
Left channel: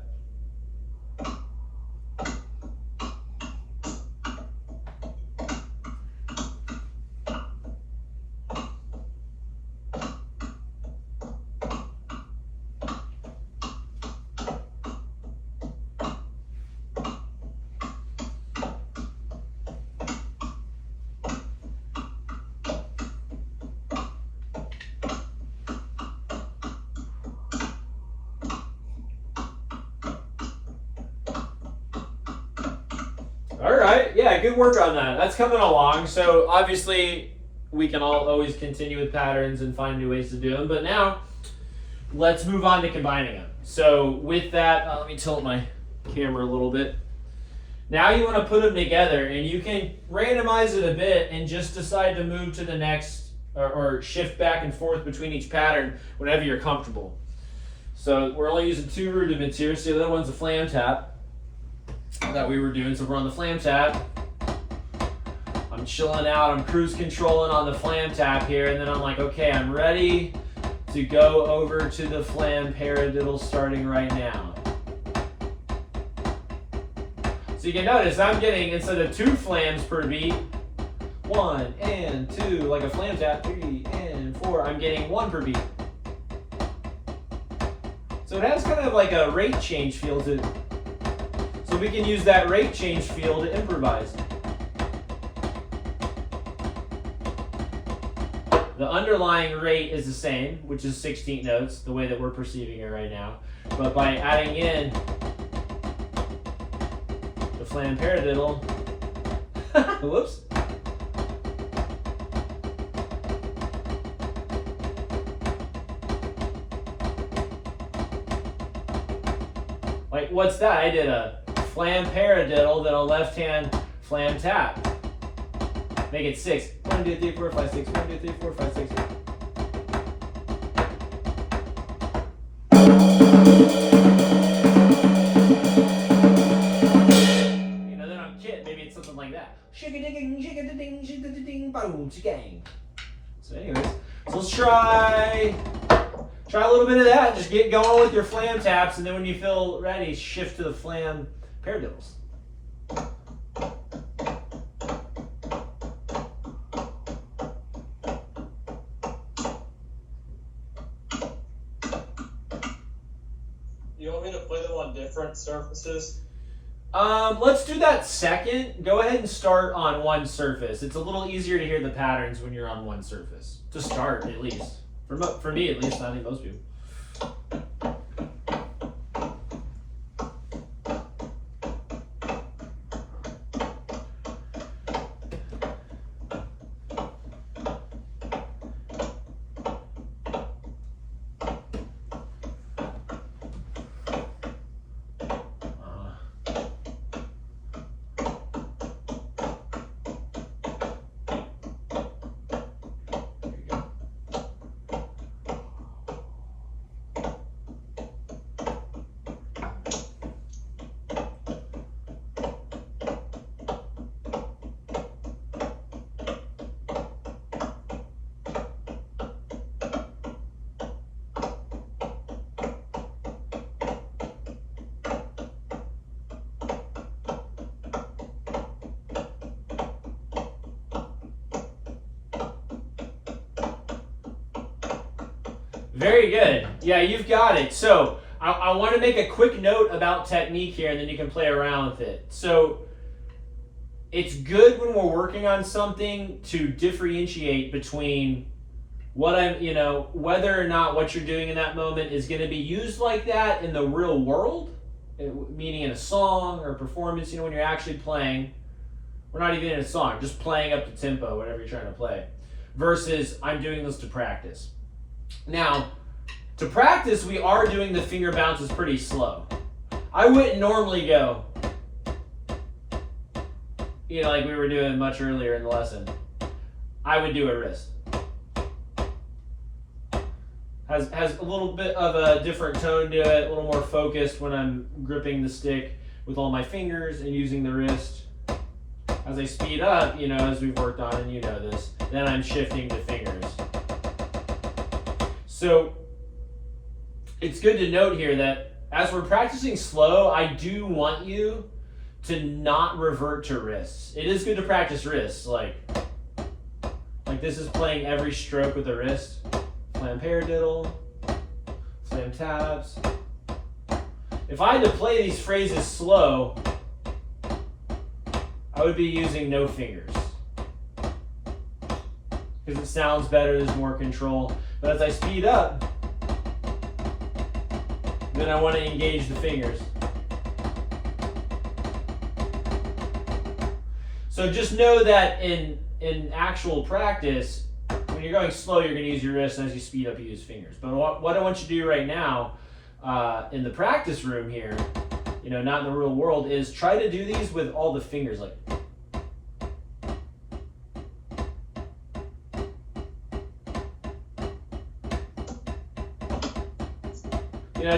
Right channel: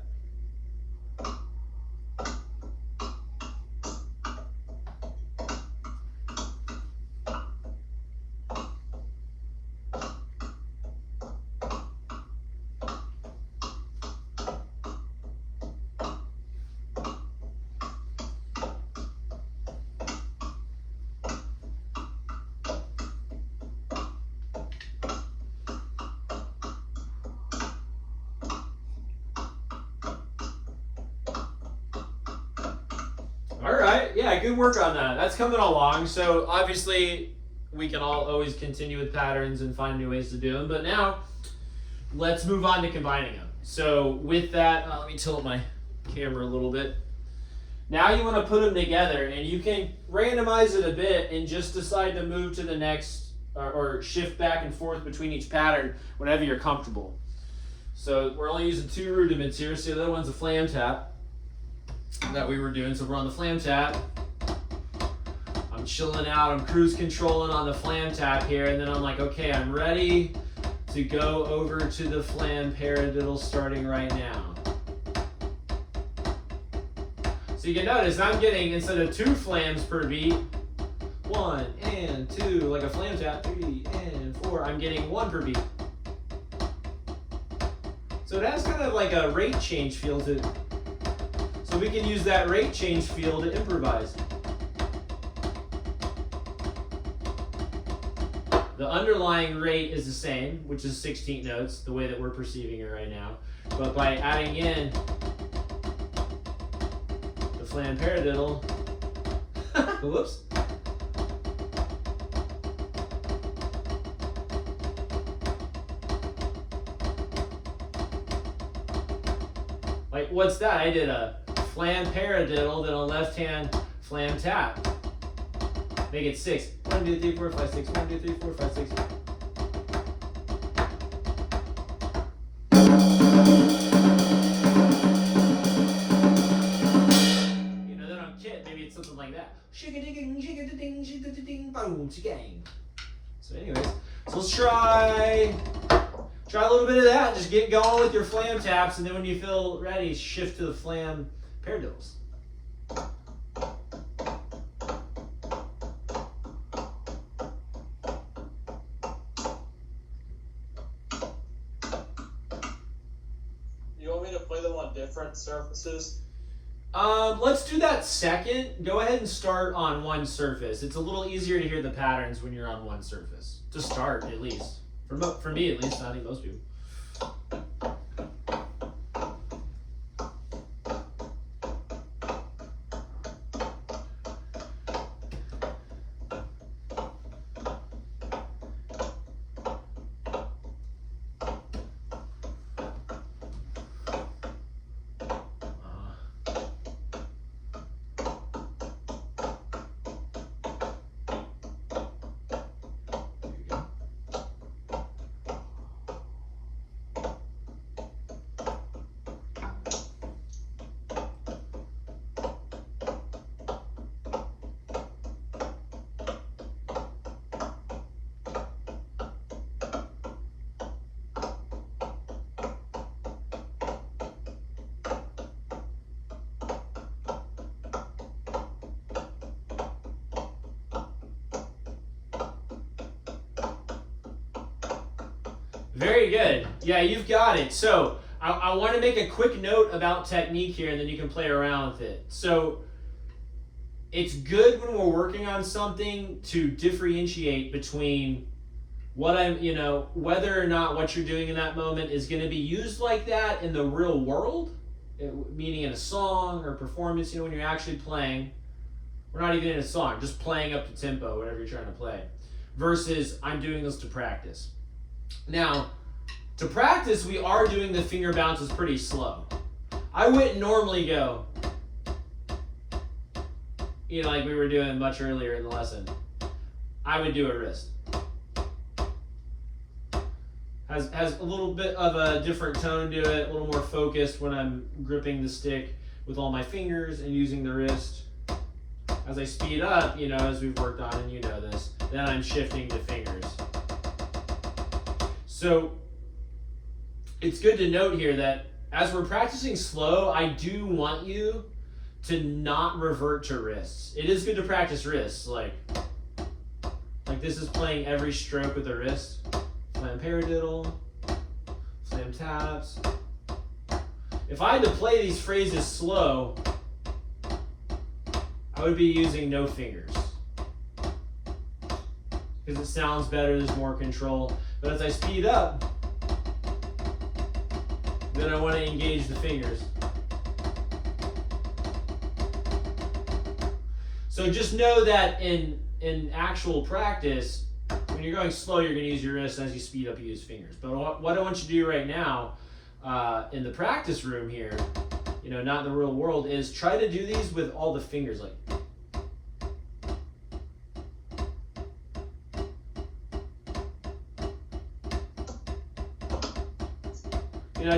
All right, yeah, good work on that. That's coming along. So obviously we can always continue with patterns and find new ways to do them, but now let's move on to combining them. So with that, let me tilt my camera a little bit. Now you want to put them together, and you can randomize it a bit and just decide to move to the next or shift back and forth between each pattern whenever you're comfortable. So we're only using 2 rudiments here. So the other one's a flam tap that we were doing. So we're on the flam tap. I'm chilling out, I'm cruise controlling on the flam tap here, and then I'm like, okay, I'm ready to go over to the flam paradiddle starting right now. So you can notice I'm getting, instead of 2 flams per beat, 1 and 2, like a flam tap, 3 and 4, I'm getting 1 per beat. So it has kind of like a rate change feel to it. So we can use that rate change feel to improvise. The underlying rate is the same, which is 16 notes, the way that we're perceiving it right now. But by adding in the flam paradiddle, whoops. Like, what's that? I did a flam paradiddle, then a left hand flam tap. Make it 6. 1, 2, 3, 4, 5, 6. 1, 2, 3, 4, 5, 6. You know, then I'm kidding. Maybe it's something like that. So anyways, so let's try a little bit of that. Just get going with your flam taps, and then when you feel ready, shift to the flam paradiddles. You want me to play them on different surfaces? Let's do that second. Go ahead and start on one surface. It's a little easier to hear the patterns when you're on one surface. To start, at least. For me, at least. I think most people. Very good. Yeah, you've got it. So I want to make a quick note about technique here, and then you can play around with it. So it's good when we're working on something to differentiate between what whether or not what you're doing in that moment is going to be used like that in the real world, meaning in a song or performance, when you're actually playing. We're not even in a song, just playing up the tempo, whatever you're trying to play, versus I'm doing this to practice. Now, to practice, we are doing the finger bounces pretty slow. I wouldn't normally go, like we were doing much earlier in the lesson. I would do a wrist. Has a little bit of a different tone to it, a little more focused when I'm gripping the stick with all my fingers and using the wrist. As I speed up, as we've worked on, and this, then I'm shifting the fingers. So it's good to note here that as we're practicing slow, I do want you to not revert to wrists. It is good to practice wrists, like this is playing every stroke with the wrist. Slam paradiddle, slam taps. If I had to play these phrases slow, I would be using no fingers because it sounds better, there's more control. But as I speed up, then I want to engage the fingers. So just know that in actual practice, when you're going slow, you're going to use your wrists, and as you speed up, you use fingers. But what I want you to do right now in the practice room here, not in the real world, is try to do these with all the fingers, like.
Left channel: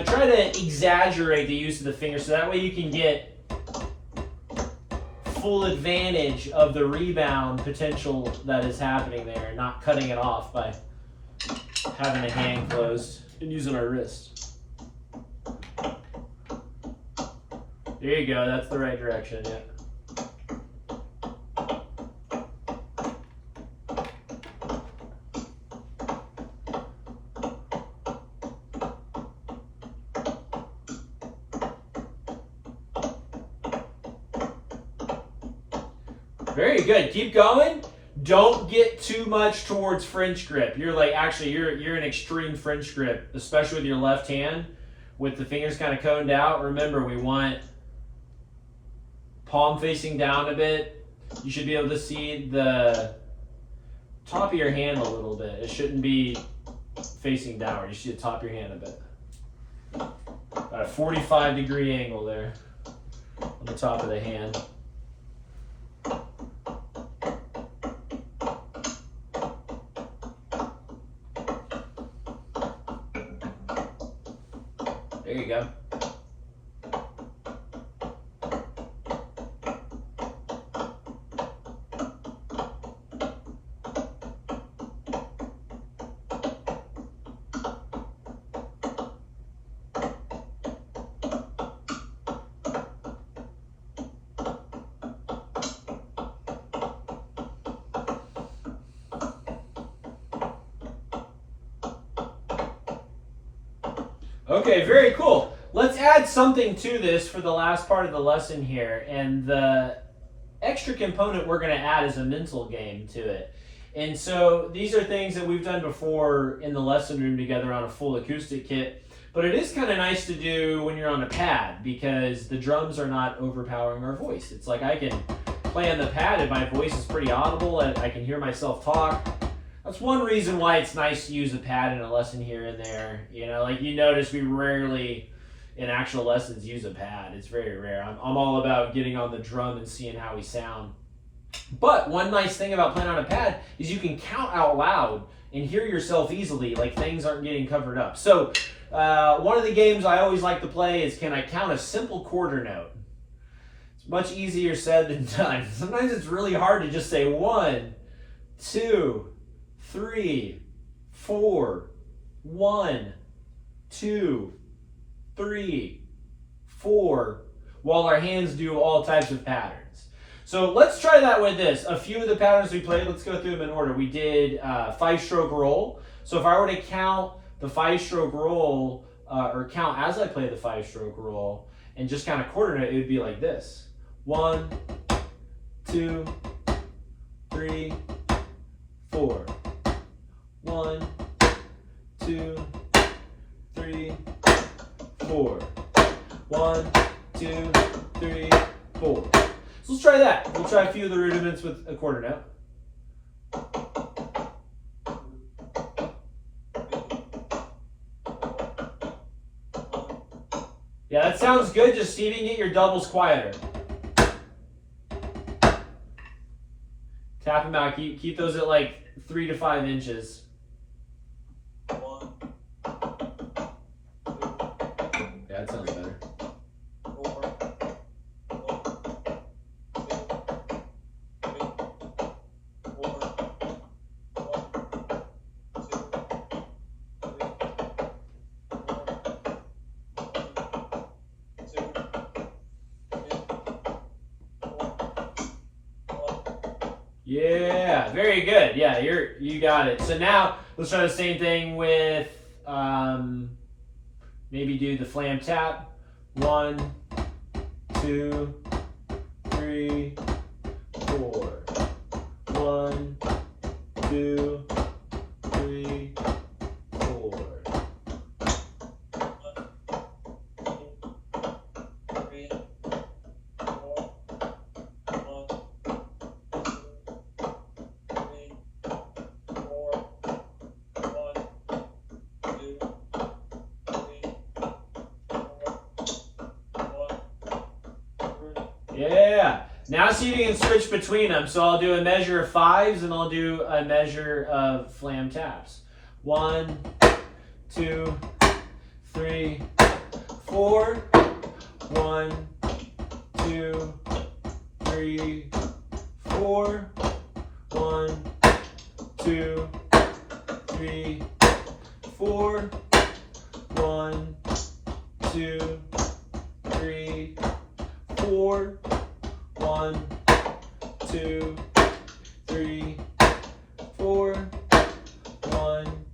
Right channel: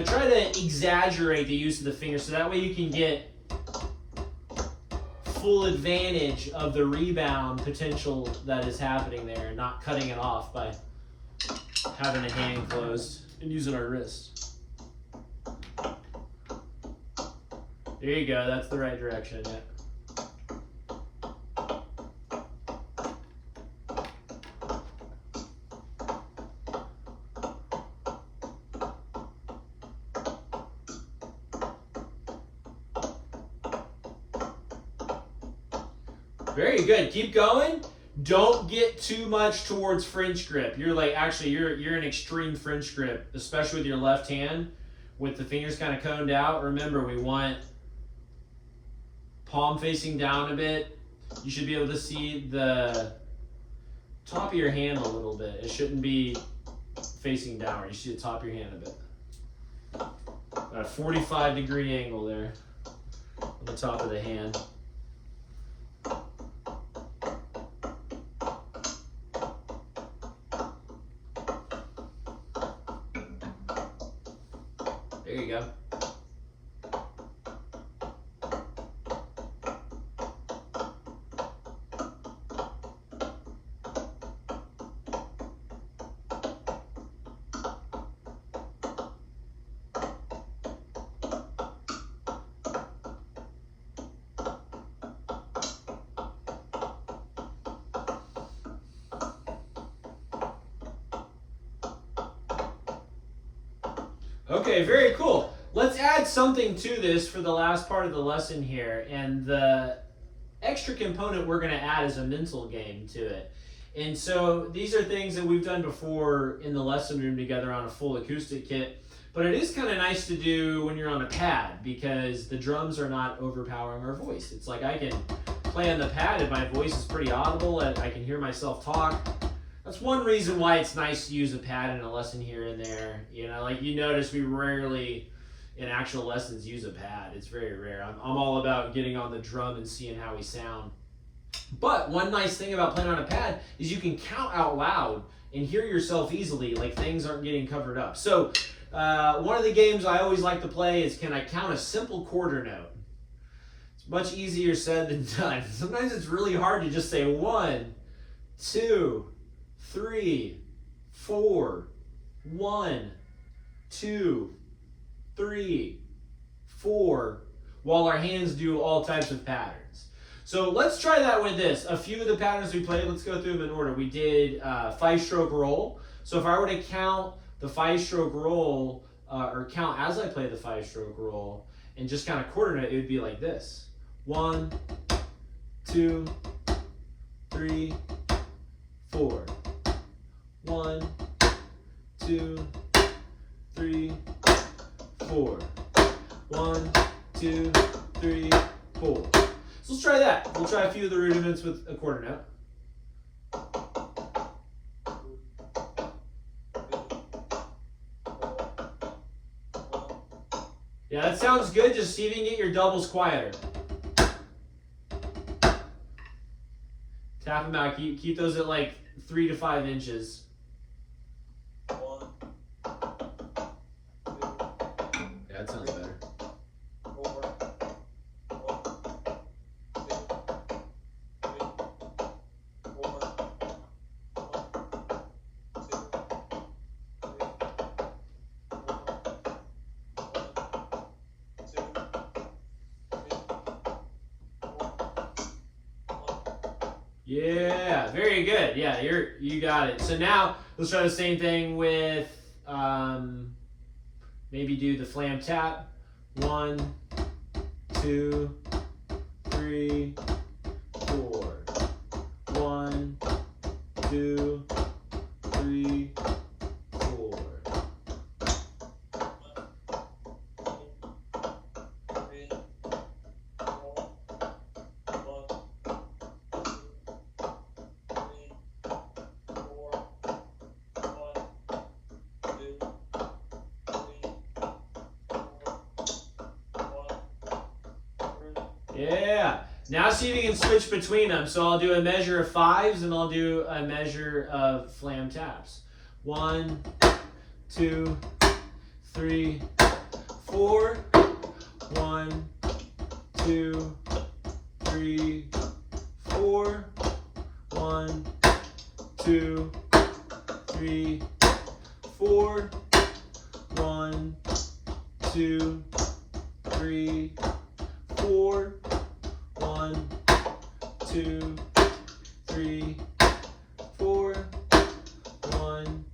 Try to exaggerate the use of the fingers so that way you can get full advantage of the rebound potential that is happening there, not cutting it off by having the hand closed and using our wrist. There you go, that's the right direction. Yeah. Very good. Keep going. Don't get too much towards French grip. You're you're an extreme French grip, especially with your left hand, with the fingers kind of coned out. Remember, we want palm facing down a bit. You should be able to see the top of your hand a little bit. It shouldn't be facing downward. You should see the top of your hand a bit. About a 45-degree angle there on the top of the hand. There you go. Okay, very cool. Let's add something to this for the last part of the lesson here. And the extra component we're going to add is a mental game to it. And so these are things that we've done before in the lesson room together on a full acoustic kit. But it is kind of nice to do when you're on a pad because the drums are not overpowering our voice. It's like I can play on the pad and my voice is pretty audible and I can hear myself talk. That's one reason why it's nice to use a pad in a lesson here and there. Like you notice we rarely in actual lessons use a pad. It's very rare. I'm all about getting on the drum and seeing how we sound. But one nice thing about playing on a pad is you can count out loud and hear yourself easily, like things aren't getting covered up. So one of the games I always like to play is can I count a simple quarter note? It's much easier said than done. Sometimes it's really hard to just say 1, 2, 3, 4, 1, 2, 3, 4, while our hands do all types of patterns. So let's try that with this. A few of the patterns we played, let's go through them in order. We did 5-stroke roll. So if I were to count the 5-stroke roll or count as I play the 5-stroke roll and just kind of quarter note, it would be like this. 1, 2, 3, 4. 1, 2, 3, 4. 1, 2, 3, 4. So let's try that. We'll try a few of the rudiments with a quarter note. Yeah, that sounds good. Just see if you can get your doubles quieter. Tap them out. Keep those at like 3 to 5 inches. 1, 2, Yeah, that sounds better. 4, 1, 2, 3, 4, 1, 2, 3, Yeah, very good. Yeah, you got it. So now let's try the same thing with maybe do the flam tap. 1, 2, 3, 4. 1, 2, 3, 4. 3, 4, 1, 2, 3, 4. Yeah. Now see if you can switch between them. So I'll do a measure of 5s and I'll do a measure of flam taps. 1, 2, 3, 4. 1, 2, 3, 4. 1, 2, 3, 4. 1, 2, 3, 4. 1, 2, 3, 4. 1,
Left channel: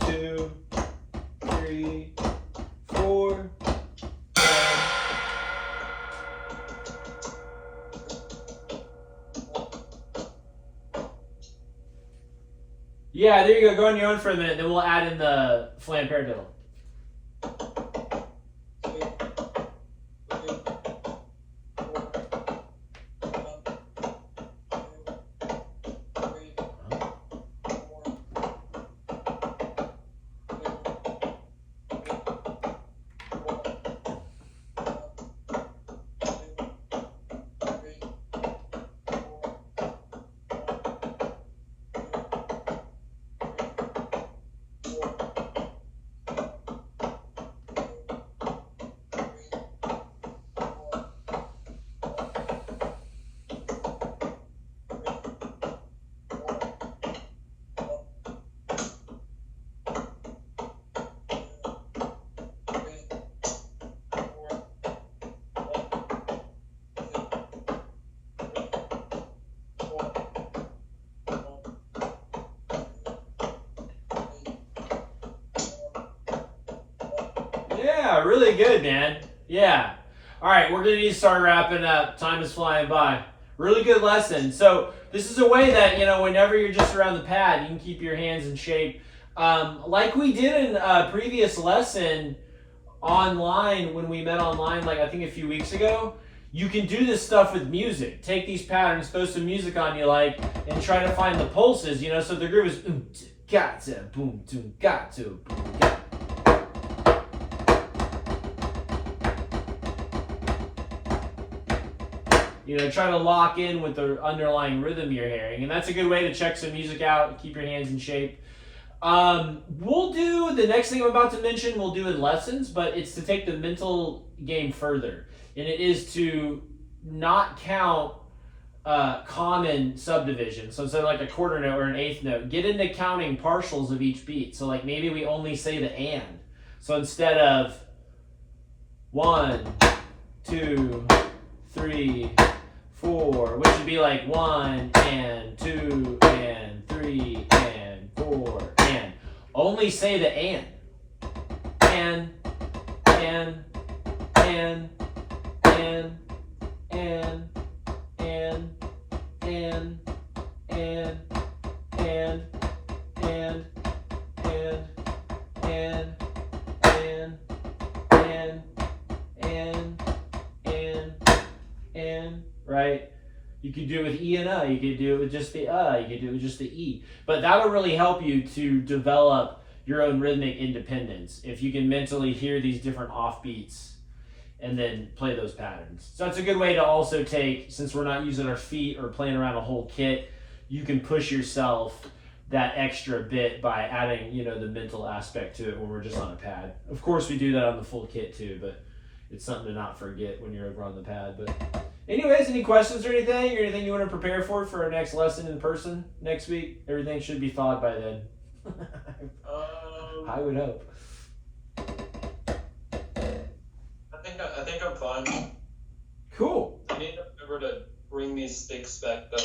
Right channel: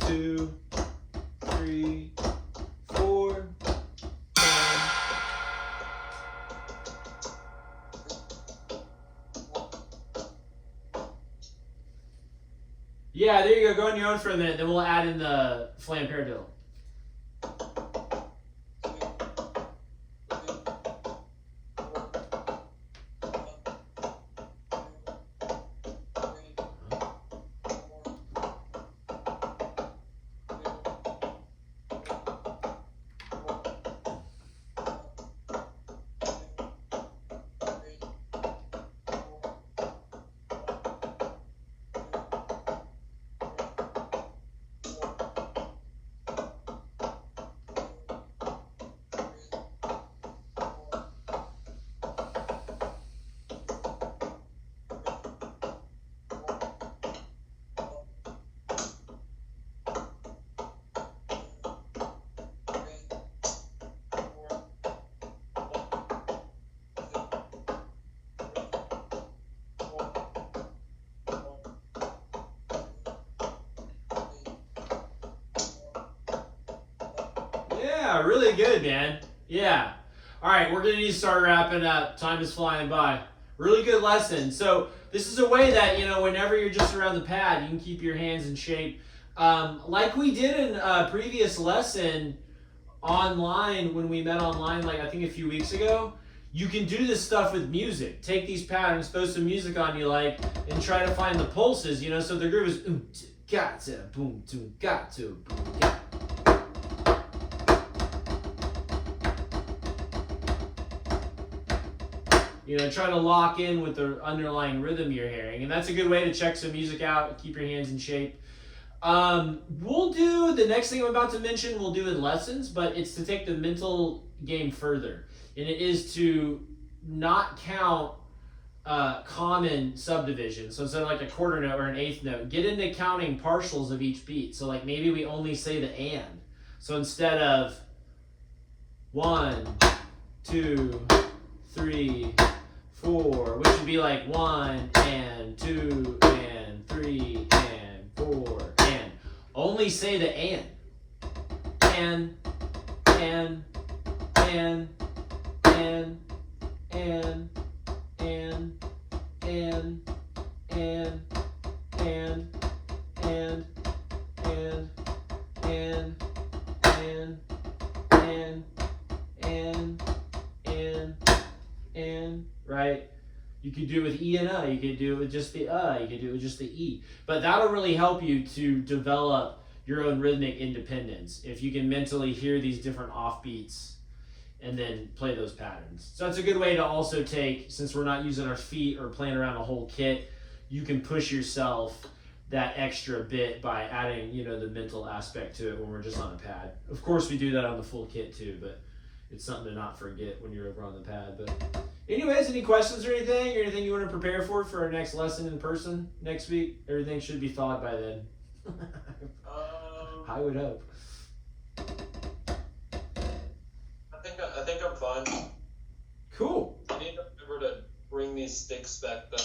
2, 3, 4. Yeah, there you go. Go on your own for a minute, then we'll add in the flam paradiddle. Yeah, really good, man. Yeah. All right, we're going to need to start wrapping up. Time is flying by. Really good lesson. So this is a way that, whenever you're just around the pad, you can keep your hands in shape. Like we did in a previous lesson online, when we met online, like I think a few weeks ago, you can do this stuff with music. Take these patterns, throw some music on you like, and try to find the pulses, so the groove is gata, boom, boom, gata, boom, gata. Try to lock in with the underlying rhythm you're hearing. And that's a good way to check some music out and keep your hands in shape. We'll do the next thing I'm about to mention, we'll do in lessons, but it's to take the mental game further. And it is to not count common subdivisions. So instead of like a quarter note or an eighth note, get into counting partials of each beat. So like maybe we only say the and. So instead of 1, 2, 3, 4, which would be like 1 and 2 and 3 and 4 and Only say the and. And, and, and, and, and, and, and, and, and, and, and, and, and, and, right? You could do it with E and you could do it with just the you could do it with just the E. But that'll really help you to develop your own rhythmic independence if you can mentally hear these different offbeats and then play those patterns. So that's a good way to also take, since we're not using our feet or playing around a whole kit, you can push yourself that extra bit by adding, you know, the mental aspect to it when we're just on a pad. Of course, we do that on the full kit too, but it's something to not forget when you're over on the pad. But anyways, any questions or anything you want to prepare for our next lesson in person next week? Everything should be thawed by then. I would hope. I think I'm fine. Cool. I need to remember to bring these sticks back though.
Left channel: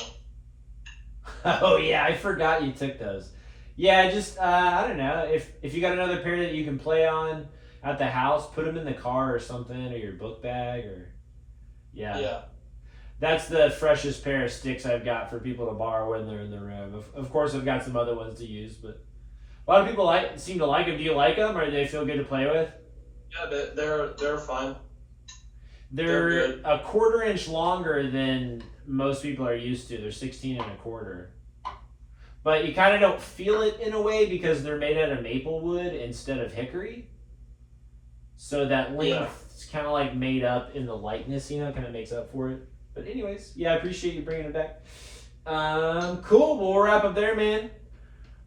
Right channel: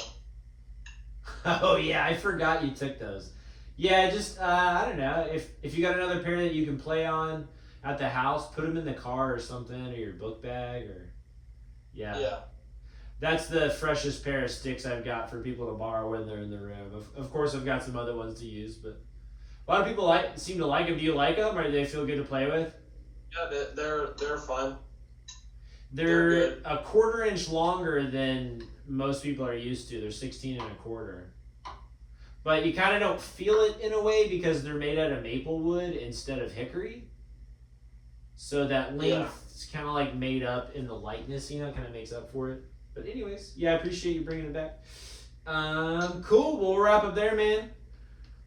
Oh yeah, I forgot you took those. Yeah, just I don't know, if you got another pair that you can play on at the house, put them in the car or something, or your book bag, or yeah. That's the freshest pair of sticks I've got for people to borrow when they're in the room. Of course, I've got some other ones to use, but a lot of people seem to like them. Do you like them, or do they feel good to play with? Yeah, they're fine. They're a 1/4 inch longer than most people are used to. They're 16 1/4. But you kind of don't feel it in a way because they're made out of maple wood instead of hickory. So that length is kind of like made up in the lightness, you know, kind of makes up for it. But anyways, yeah, I appreciate you bringing it back. Cool, well, we'll wrap up there, man.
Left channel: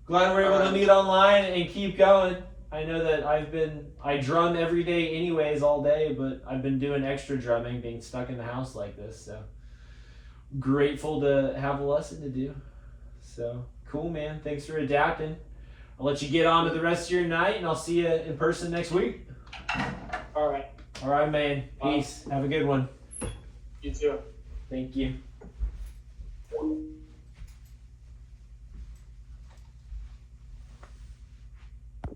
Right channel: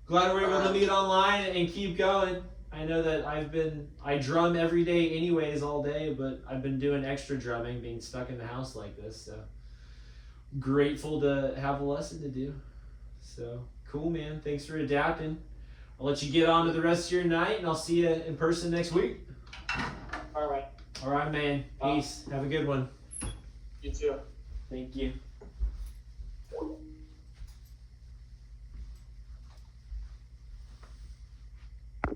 Glad we're able to meet online and keep going. I know that I drum every day anyways all day, but I've been doing extra drumming being stuck in the house like this, so grateful to have a lesson to do. So cool, man. Thanks for adapting. I'll let you get on to the rest of your night, and I'll see you in person next week. All right. All right, man. Peace. Have a good one. You too. Thank you.